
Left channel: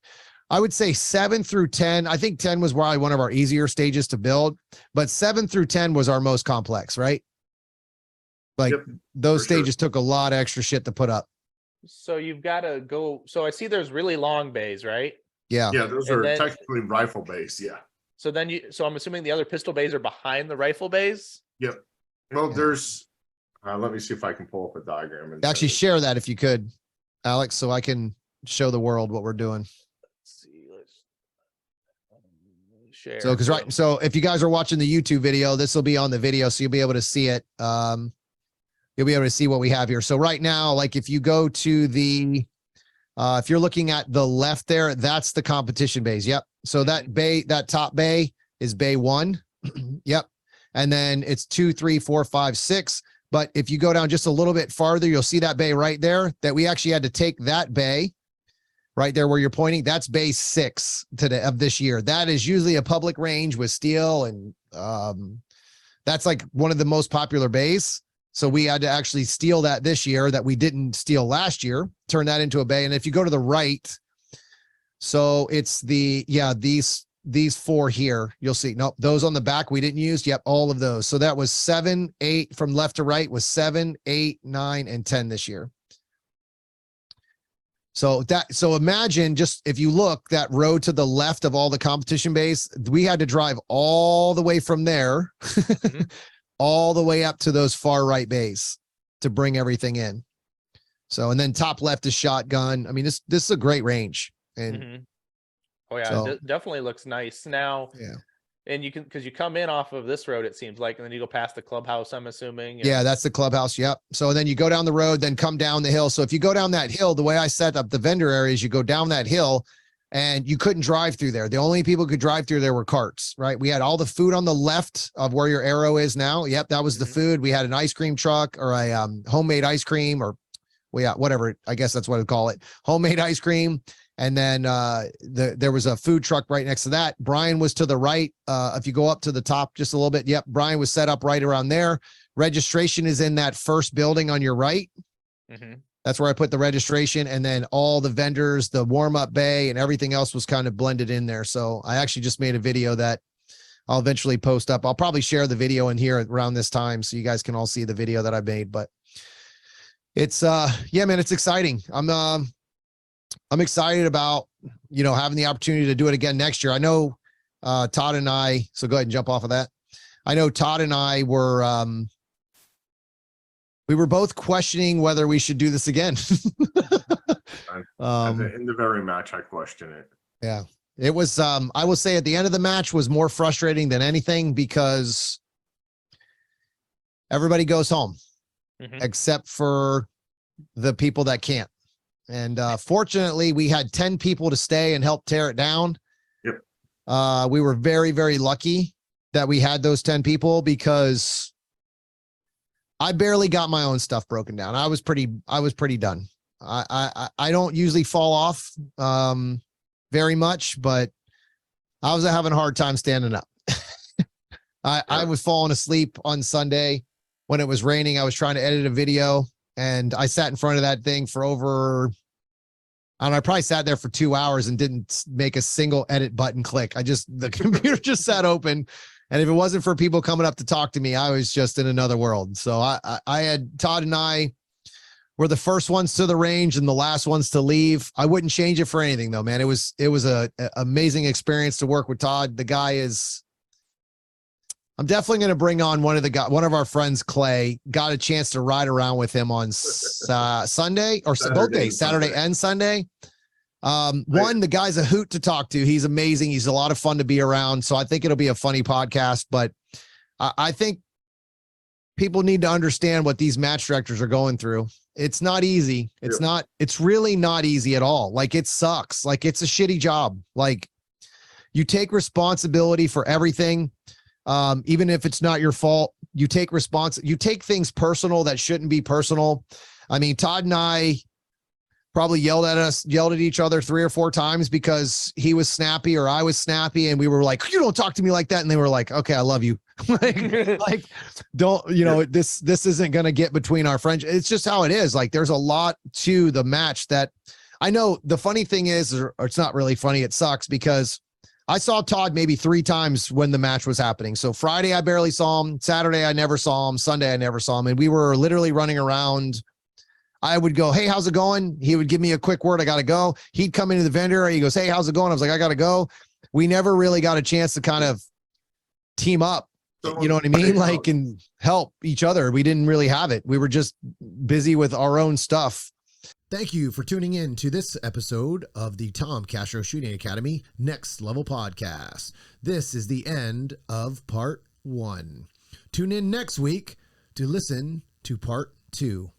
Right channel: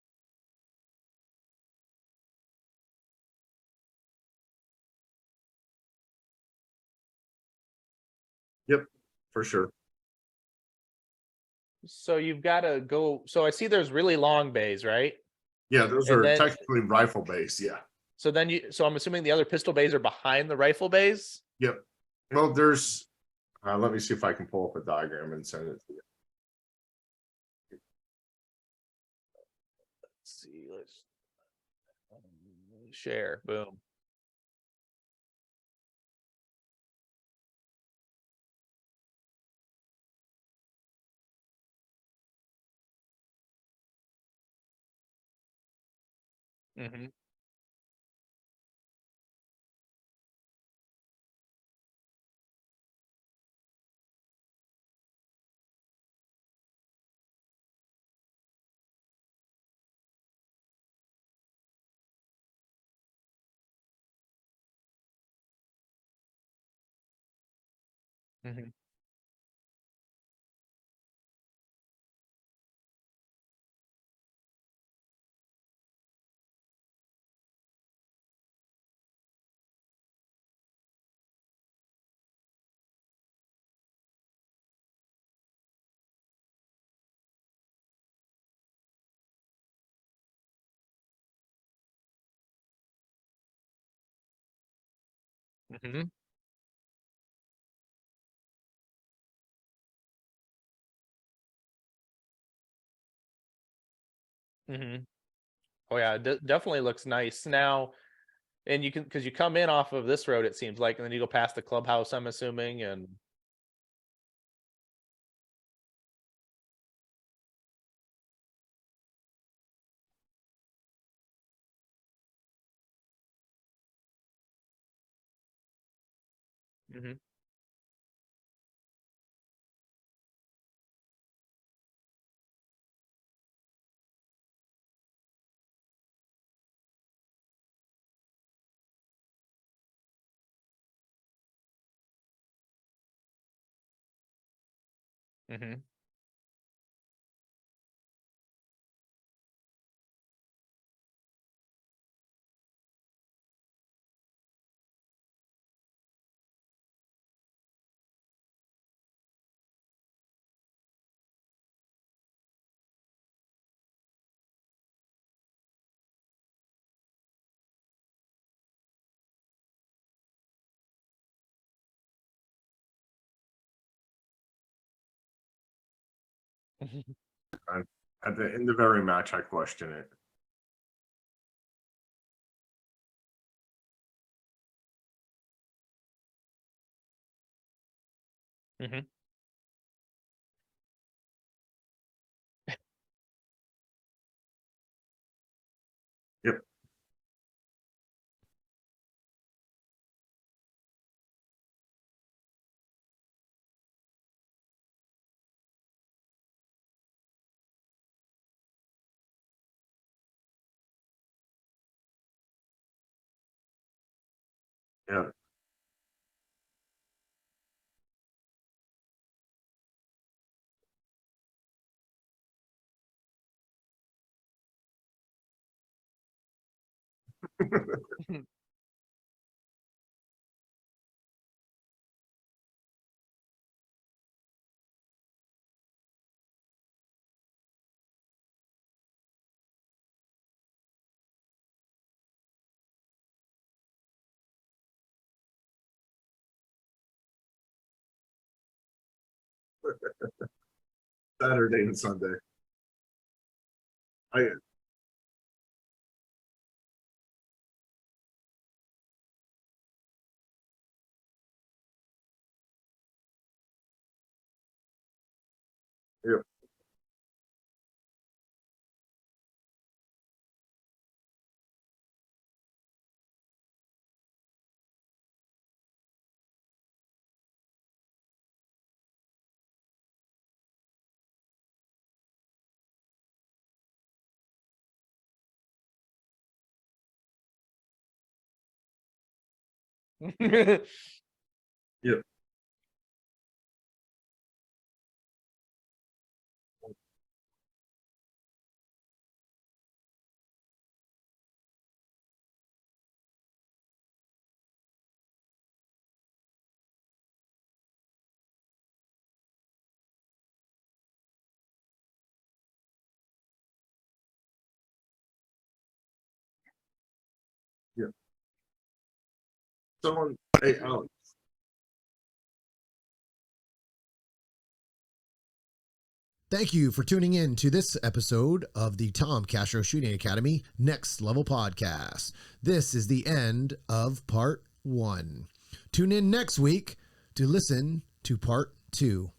I would say 7 through 10. I think 10 was probably one of our easier stages to build, but 7 through 10 was our most complex, right? Like those stages took a lot of extra shit to put up. So you've got to go. So I see there's really long bays, right? Yeah. Yeah, those are technically rifle bays. Yeah. So then so I'm assuming the other pistol bays are behind the rifle bays? Yep. Well, there's, let me see if I can pull up a diagram. And actually share that if you could, Alex, so I can show the world what we're doing. Let's see. Let's share. So if you guys are watching the YouTube video, this will be on the video, so you'll be able to see it. You'll be able to see what we have here. So right now, like if you go to the, if you're looking at the left there, that's the competition bays. Yep. So that top bay is bay 1. Yep. And then it's 2, 3, 4, 5, 6. But if you go down just a little bit farther, you'll see that bay right there that we actually had to take that bay right there where you're pointing. That's bay 6 of this year. That is usually a public range with steel. And that's like one of the most popular bays. So we had to actually steal that this year that we didn't steal last year, turn that into a bay. And if you go to the right, so it's these 4 here, you'll see, nope, those on the back we didn't use. Yep. All of those. So that was 7, 8 from left to right was 7, 8, 9, and 10 this year. So imagine just, if you look, that road to the left of all the competition bays, we had to drive all the way from there, all the way up to those far right bays to bring everything in. So, and then top left is shotgun. I mean, this is a great range. And oh yeah, it definitely looks nice now. Yeah. And you can, because you come in off of this road, it seems like, and then you go past the clubhouse, I'm assuming. Yeah, that's the clubhouse. Yep. So then you go down the road, then come down the hill. So if you go down that hill, the way I set up the vendor areas, you go down that hill and you couldn't drive through there. The only people who could drive through there were carts, right? We had all the food on the left of where your arrow is now. Yep. That was the food. We had an ice cream truck or a homemade ice cream, or whatever. I guess that's what I'd call it. Homemade ice cream. And then there was a food truck right next to that. Brian was to the right. If you go up to the top just a little bit, yep, Brian was set up right around there. Registration is in that first building on your right. That's where I put the registration. And then all the vendors, the warm-up bay, and everything else was kind of blended in there. So I actually just made a video that I'll eventually post up. I'll probably share the video in here around this time so you guys can all see the video that I made. But it's, yeah, man, it's exciting. I'm excited about, having the opportunity to do it again next year. I know Todd and I, so go ahead and jump off of that. I know Todd and I were, we were both questioning whether we should do this again. At the end of every match, I question it. Yeah, it was, I will say at the end of the match was more frustrating than anything because everybody goes home except for the people that can't. And fortunately, we had 10 people to stay and help tear it down. Yep. We were very, very lucky that we had those 10 people because I barely got my own stuff broken down. I was pretty done. I don't usually fall off very much, but I was having a hard time standing up. I was falling asleep on Sunday when it was raining. I was trying to edit a video. And I sat in front of that thing for over, I probably sat there for 2 hours and didn't make a single edit button click. The computer just sat open. And if it wasn't for people coming up to talk to me, I was just in another world. So I had Todd and I were the first ones to the range and the last ones to leave. I wouldn't change it for anything though, man. It was a amazing experience to work with Todd. The guy is, I'm definitely going to bring on one of our friends, Clay. Got a chance to ride around with him on Sunday or Saturday and Sunday. The guy's a hoot to talk to. He's amazing. He's a lot of fun to be around. So I think it'll be a funny podcast, but I think people need to understand what these match directors are going through. It's not easy. It's really not easy at all. Like it sucks. Like it's a shitty job. Like you take responsibility for everything. Even if it's not your fault, you take things personal that shouldn't be personal. I mean, Todd and I probably yelled at each other 3 or 4 times because he was snappy or I was snappy. And we were like, you don't talk to me like that. And they were like, okay, I love you. like, don't, this isn't going to get between our friends. It's just how it is. Like, there's a lot to the match that I know the funny thing is, or it's not really funny, it sucks because I saw Todd maybe 3 times when the match was happening. So Friday, I barely saw him. Saturday, I never saw him. Sunday, I never saw him. And we were literally running around. I would go, hey, how's it going? He would give me a quick word. I got to go. He'd come into the vendor. He goes, hey, how's it going? I was like, I got to go. We never really got a chance to kind of team up. You know what I mean? Like, and help each other. We didn't really have it. We were just busy with our own stuff. Thank you for tuning in to this episode of the Tom Castro Shooting Academy Next Level Podcast. This is the end of part 1. Tune in next week to listen to part 2.